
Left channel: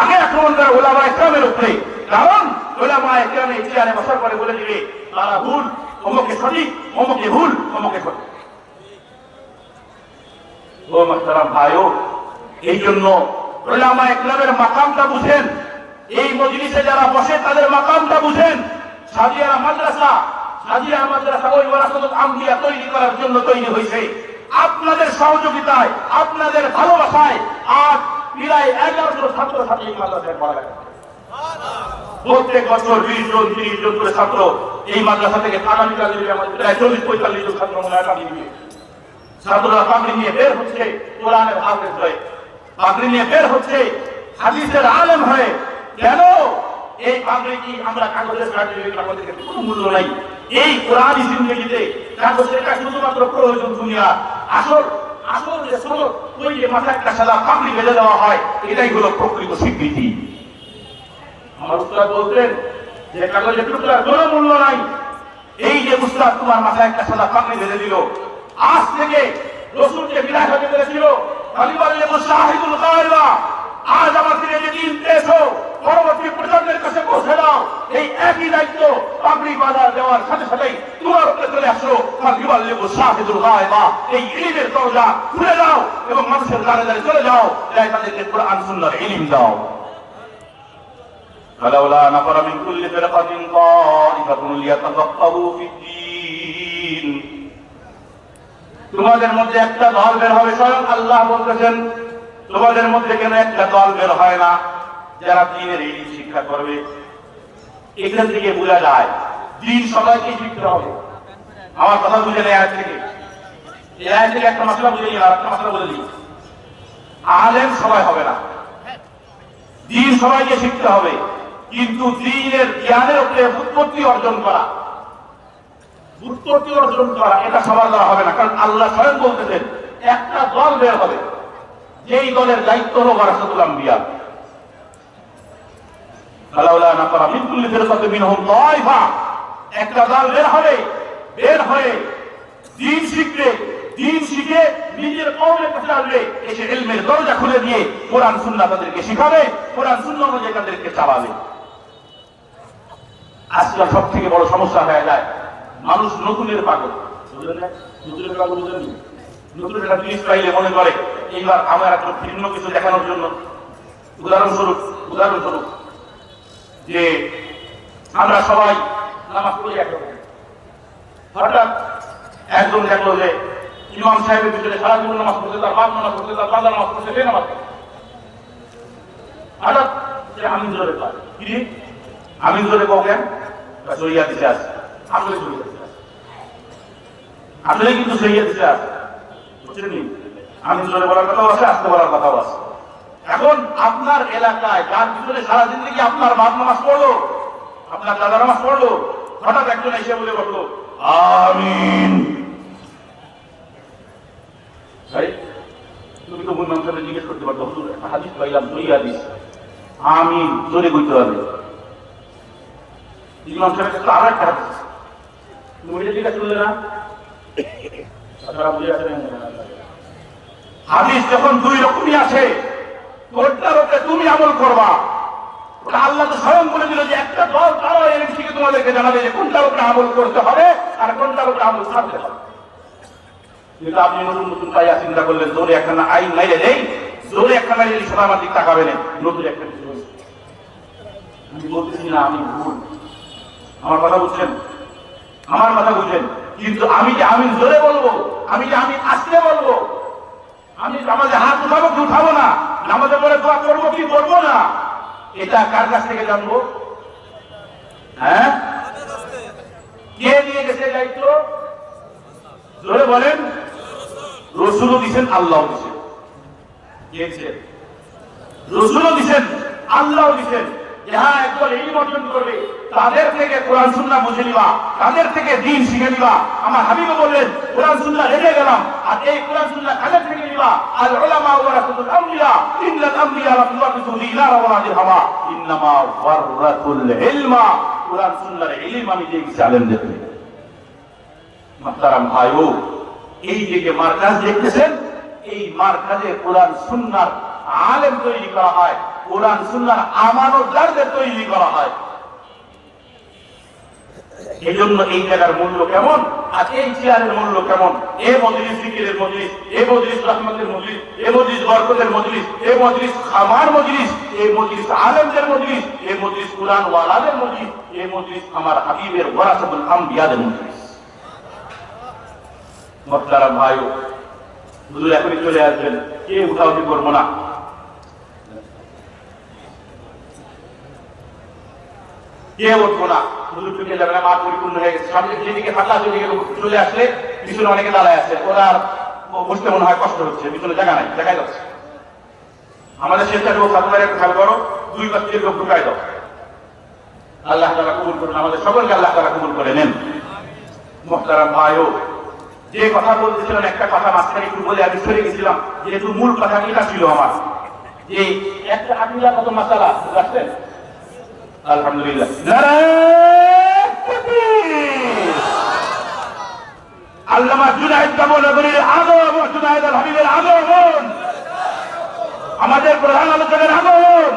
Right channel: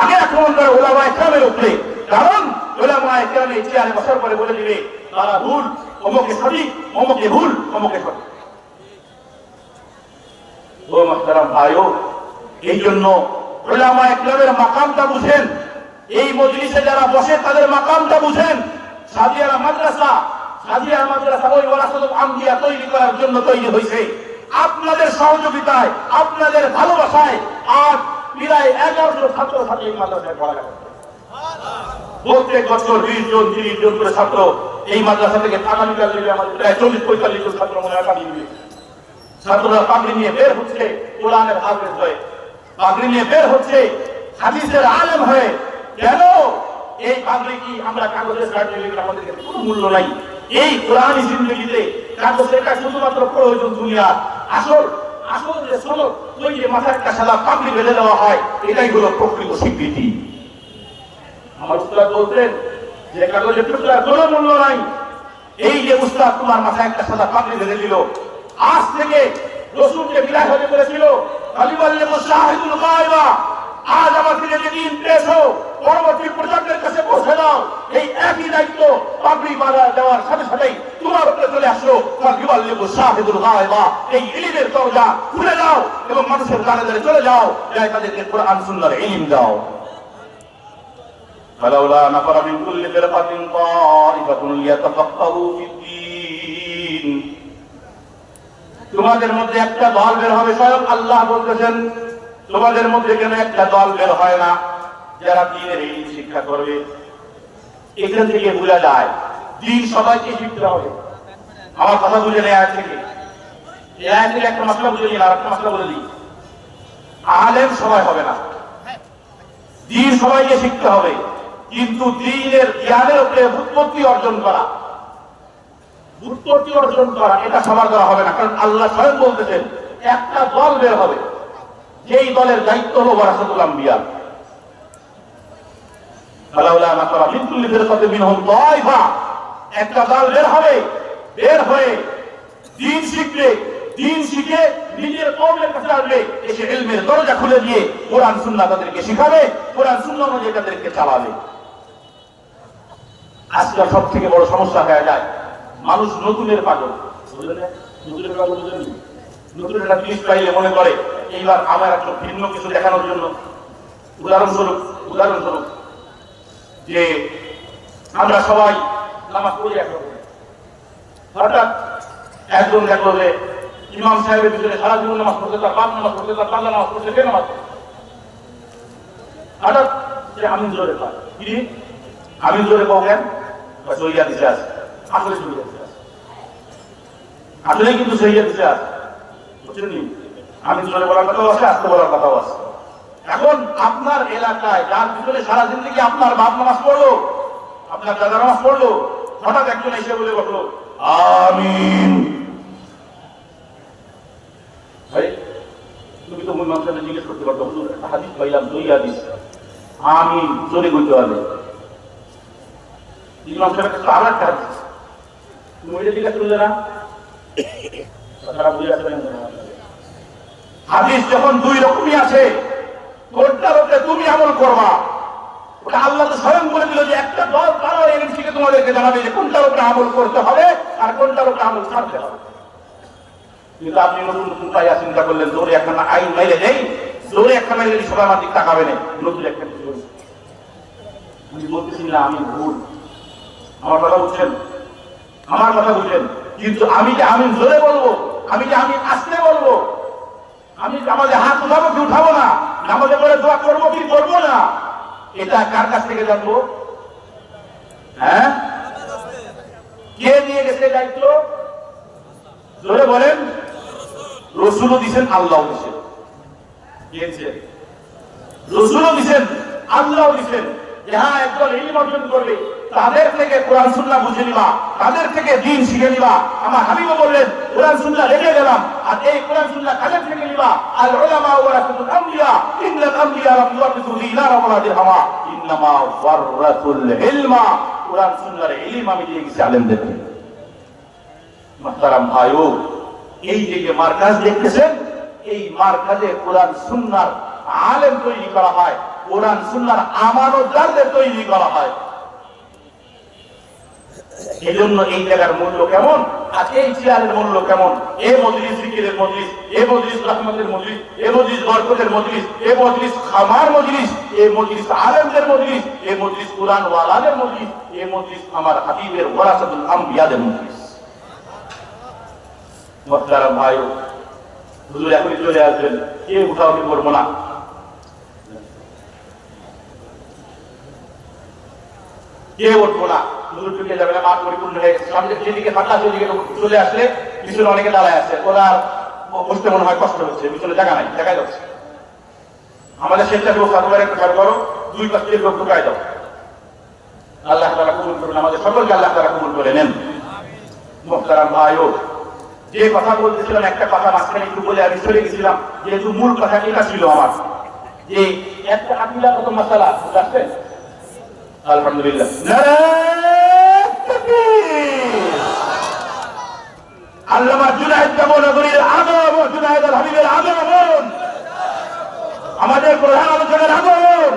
আগে আক্রমণ করে উলামায়ে কেরামের উপরে। কারণ উলামায়ে কেরাম চেয়ারে বসার পরে বলে দিবে তারা ভুল, অমুকে সঠিক, অমুকে ভুল, অমুকে সঠিক। ও মুহতারাম ভাইও, এই জন্য উলামায়ে কেরামের মাকামটা বুঝেন। এই মজলিসে যারা বসে তাদের মাকামটা বুঝেন। সাদিয়া মাদ্রাসা ওই ওয়ারাসাতুল আমবিয়া তৈরি করার জন্য তৈরি হয়েছে। আপনাদের সহযোগিতায়, আপনাদের ভালোবাসায় আজ প্রায় 11 ছাত্রছাত্রী এই মাদ্রাসায় পড়ালেখা করে। প্রত্যেক বছর 20 জন 30 জন করে ছাত্র এই মাদ্রাসা থেকে আগামীকাল আমাদের প্রায় 40-45 জন ছাত্র মনে হয় পাগড়ি নিয়ে ছাত্ররা পাগড়ি নিয়ে বের হচ্ছে, কোরআনের হাফেজ হয়ে পাগড়ি নিয়ে বের হচ্ছে, হাদিসের আলেম হয়ে। কেন এই পাগড়ি কি আমরা কাগজের সার্টিফিকেট আমাদের কোনো মূল্য নাই? এই কোরআনী জিন্দেগিতে কাগজের একটা শুধুমাত্র প্রয়োজন দুনিয়া। আসল আসল যে সনদ, ওই যে মাথায় একটা সাদা পাগড়ি বেঁধে দেওয়া হয়, এটাই হলো প্রকৃত স্বীকৃতি। আমার উস্তাদ বলতেন যে কাগজের টুকরার কোনো মূল্য নাই। এই যে উস্তাদ তোমার মাথায় একটা সাদা পাগড়ি বেঁধে দিল, আজ থেকে রসুলকে বিদায় হতে বলেছিল তালিবাল্লে মুশাহিদুল গায়বা, আজ আমাদের এই দিন পেছো পরবর্তী প্রজন্মের কাছে পৌঁছে দাও। এই একই দায়িত্ব পাগড়ি বাঁধা দেওয়ার সাথে সাথেই তোমার উপরে চলে আসলো তালিবাল্লে মুশাহিদুল গায়বা। এই ইলমের দরজা খুলে দাও এবং মানুষের দ্বারে দ্বারে চলে যাও, যাই তাদেরকে কোরআন সুন্নাহর ইলম দাও। فلولا نفر من كل فرقة طائفة ليتفقهوا في الدين। তোমাদের মধ্যে একটা দল বের হবে, স্বয়ং আল্লাহ বলতেছেন তোমাদের মধ্যে কেন একটা দল বের হয় না যারা দ্বীনের ইলম শিক্ষা করবে? এখান থেকে বোঝা যায় দ্বীন সবাইকে শিখতে হবে। আমার কথা বুঝে নেই আয়াত থেকে, এই আয়াত থেকে একটা মাসলা বুঝে নিই, আর একটা মাসলা বলে দিই। আলেম সবাই হবে না, দ্বীন সবাইকে শিখতে হবে, কিন্তু দ্বীনের জ্ঞানের উপরে উৎপত্তি অর্জন করা এটা সবার দ্বারা হবে না। কারণ আল্লাহ স্বয়ং বলতেছেন একটা দল বের হবে, যেই দলের দায়িত্ব হলো ওয়ারাসাতুল আম্বিয়া। একটা দল বের হবে, বের হয়ে দ্বীন শিখবে, দ্বীন শিখে নিজের কওমের কাছে আসবে, এসে ইলমের দরজা খুলে দিয়ে কোরআন সুন্নাহ তাদেরকে শিখাবে, কোরআন সুন্নাহ অনুযায়ী তাদেরকে চালাবে। আজকাল সব থেকে বড় সমস্যা হয়ে যায় মানুষ নতুনের পাগল। বুঝলেন না? নতুনের পাগল বুঝেননি? নতুনের একটা জিনিস পাইলে মনে করে এইবার আমার একটা ভিন্ন কিছু দেখানোর জন্য। উদাহরণস্বরূপ যে আমরা সবাই নামাজ পড়ি একরকম, হঠাৎ একজন দেখলো যে ইমাম সাহেবের ভিতরে সারা জীবন নামাজ পড়তে, তার বাপ নামাজ পড়তে, তার দাদা নামাজ পড়তে, সে নামাজ পড়তে, হঠাৎ সে আমি জোরে পাই কি আমি জোরে বলেন সহিয়া দিতে আছে, আসলে সহিয়া দিতে আছে, আসলে কিন্তু সহিয়া দিতে আছে, বুঝছেন নি? আমি জোরে বলার কথাও আছে, আসতে বলার কথাও আছে। এখন আপনার এলাকায় যার ভিতরে সারা জিন্দগি আপনার বাপ নামাজ পড়লো, আপনার দাদা নামাজ পড়লো, হঠাৎ একজন এসে বলে বললো আমিন। ভাই তুমি তো মূল নাম সাথে জিজ্ঞেস করতে পারতো, হাদিস পাইলাম সহিয়া দিস, আমিন জোরে বলতে হবে। হাদিস যখন দুই রকমই আছে, কোনটার উপরে তুমি আমল করবা, ওটা আল্লাহ স্বয়ং করে দিল যে একটা দল তারা এই থেকে তোমাদেরকে জানাবে যে কোনটার উপরে আমল করতে হবে আর কোনটার উপরে আমল ছাড়তে হবে। কিন্তু আপনি নতুন নতুন পাইয়া চিন্তা করলেন জোরে একখানা আইন মেরে নেই, জোরে একখানা সদা আমার দিক তাকাবে নেই, নতুন একটা কিছু। আমি বলতেছি না আমি ভুল, আমার কথা বুঝছেন, আমার কথা বুঝছেন, কিন্তু আমি যে আমি জোরে বলবো, আমি যে আমি আসতে বলবো, আমি আমাদের হাত উঠাবো কি উঠাবো না, আমাদের করে দোয়া করবো কি করবো না, এটা কার কাছ থেকে জানবো? হ্যাঁ, কে নিয়ে গেছে দায়িত্ব? জোরে বলেন। রসুলও দিছেন, আল্লাহ দিছেন। কে দিছেন? রসুলও দিছেন, আল্লাহ দিছেন। যারা একজন ইলম অর্জন করবে তাদের থেকে কোরআন সুন্নাহ বুঝে নিবা, তাদের থেকে দ্বীন শিখে নিবা। আমার হাবিবও বললেন কোরআন সুন্নাহ রেখে গেলাম, আর এই কোরআন সুন্নাহ কাদের থেকে নিবা? আল উলামা ওয়ারাসাতুল আমবিয়া, ইন্নাল আমবিয়া লাম ইওয়ারিসু দিনার ওয়ালা দিরহামা ইন্নামা ওয়ারাসাতুল ইলমা। কোরআন সুন্নাহর ইলম আমি দিয়ে গেছি আলেমদেরকে। মুহতারাম ভাইও, এই যে মার্কাজ দেখতেছেন, এই মার্কাজে কোরআন সুন্নাহর আলেম তৈরি করা হয়, কোরআন সুন্নাহর আমানতদারদের তৈরি করা হয়। এজন্য এই জায়গার মূল্য কেমন, আর এই চেয়ারের মূল্য কেমন, এই মজলিস জিকিরের মজলিস, এই মজলিস রহমতের মজলিস, এই মজলিস বরকতের মজলিস, এই মজলিস খামার মজলিস, এই মজলিস আলেমদের মজলিস, এই মজলিস কোরআন ওয়ালাদের মজলিস, এই মজলিস আমার হাবিবের ওয়ারাসাতুল আমবিয়াদের মজলিস। মুহতারাম ভাইও, হুজুর এখনই চলে আসবেন, কে উঠাউঠি করবো না। কে উঠবো না, হুজুর চলে যাবে না, মাঠ পরিপূর্ণ হয়ে গেছে। সামনে যেদিকে ফাঁকা সেদিকে চলে আসলে পিছনে অনেকে দাঁড়ায় আছে, ওরা বসতে মনে হয় কষ্ট হচ্ছে, পিছনে জায়গা নাই, দেখাই যাচ্ছে। আমাদের স্বেচ্ছাসেবক সাধুবাইয়ের একটা খেয়াল করো, 2 পাশ থেকে লোক ঢুকাই দাও। আল্লাহ তাআলা কবুল করুন, আমাদের সকলকে আল্লাহ তাআলা কবুল করে নেন। মুহতারাম ভাইও, যে কথা বলতেছিলাম একটা কথা মাঝখানে একটু বলে আমি চলে গেছিলাম, যেহেতু মূল কথা এটা ছিল আমার, যে একটা আকিদা কত মাসালা বুঝছেন। আলহামদুলিল্লাহ, নারায়ে তাকবীর। আল্লামা জুনায়েদ নগরীর আদম ও জুনায়েদ আল হাবিবের আদম, আমাদের প্রধান আলোচকের আদম।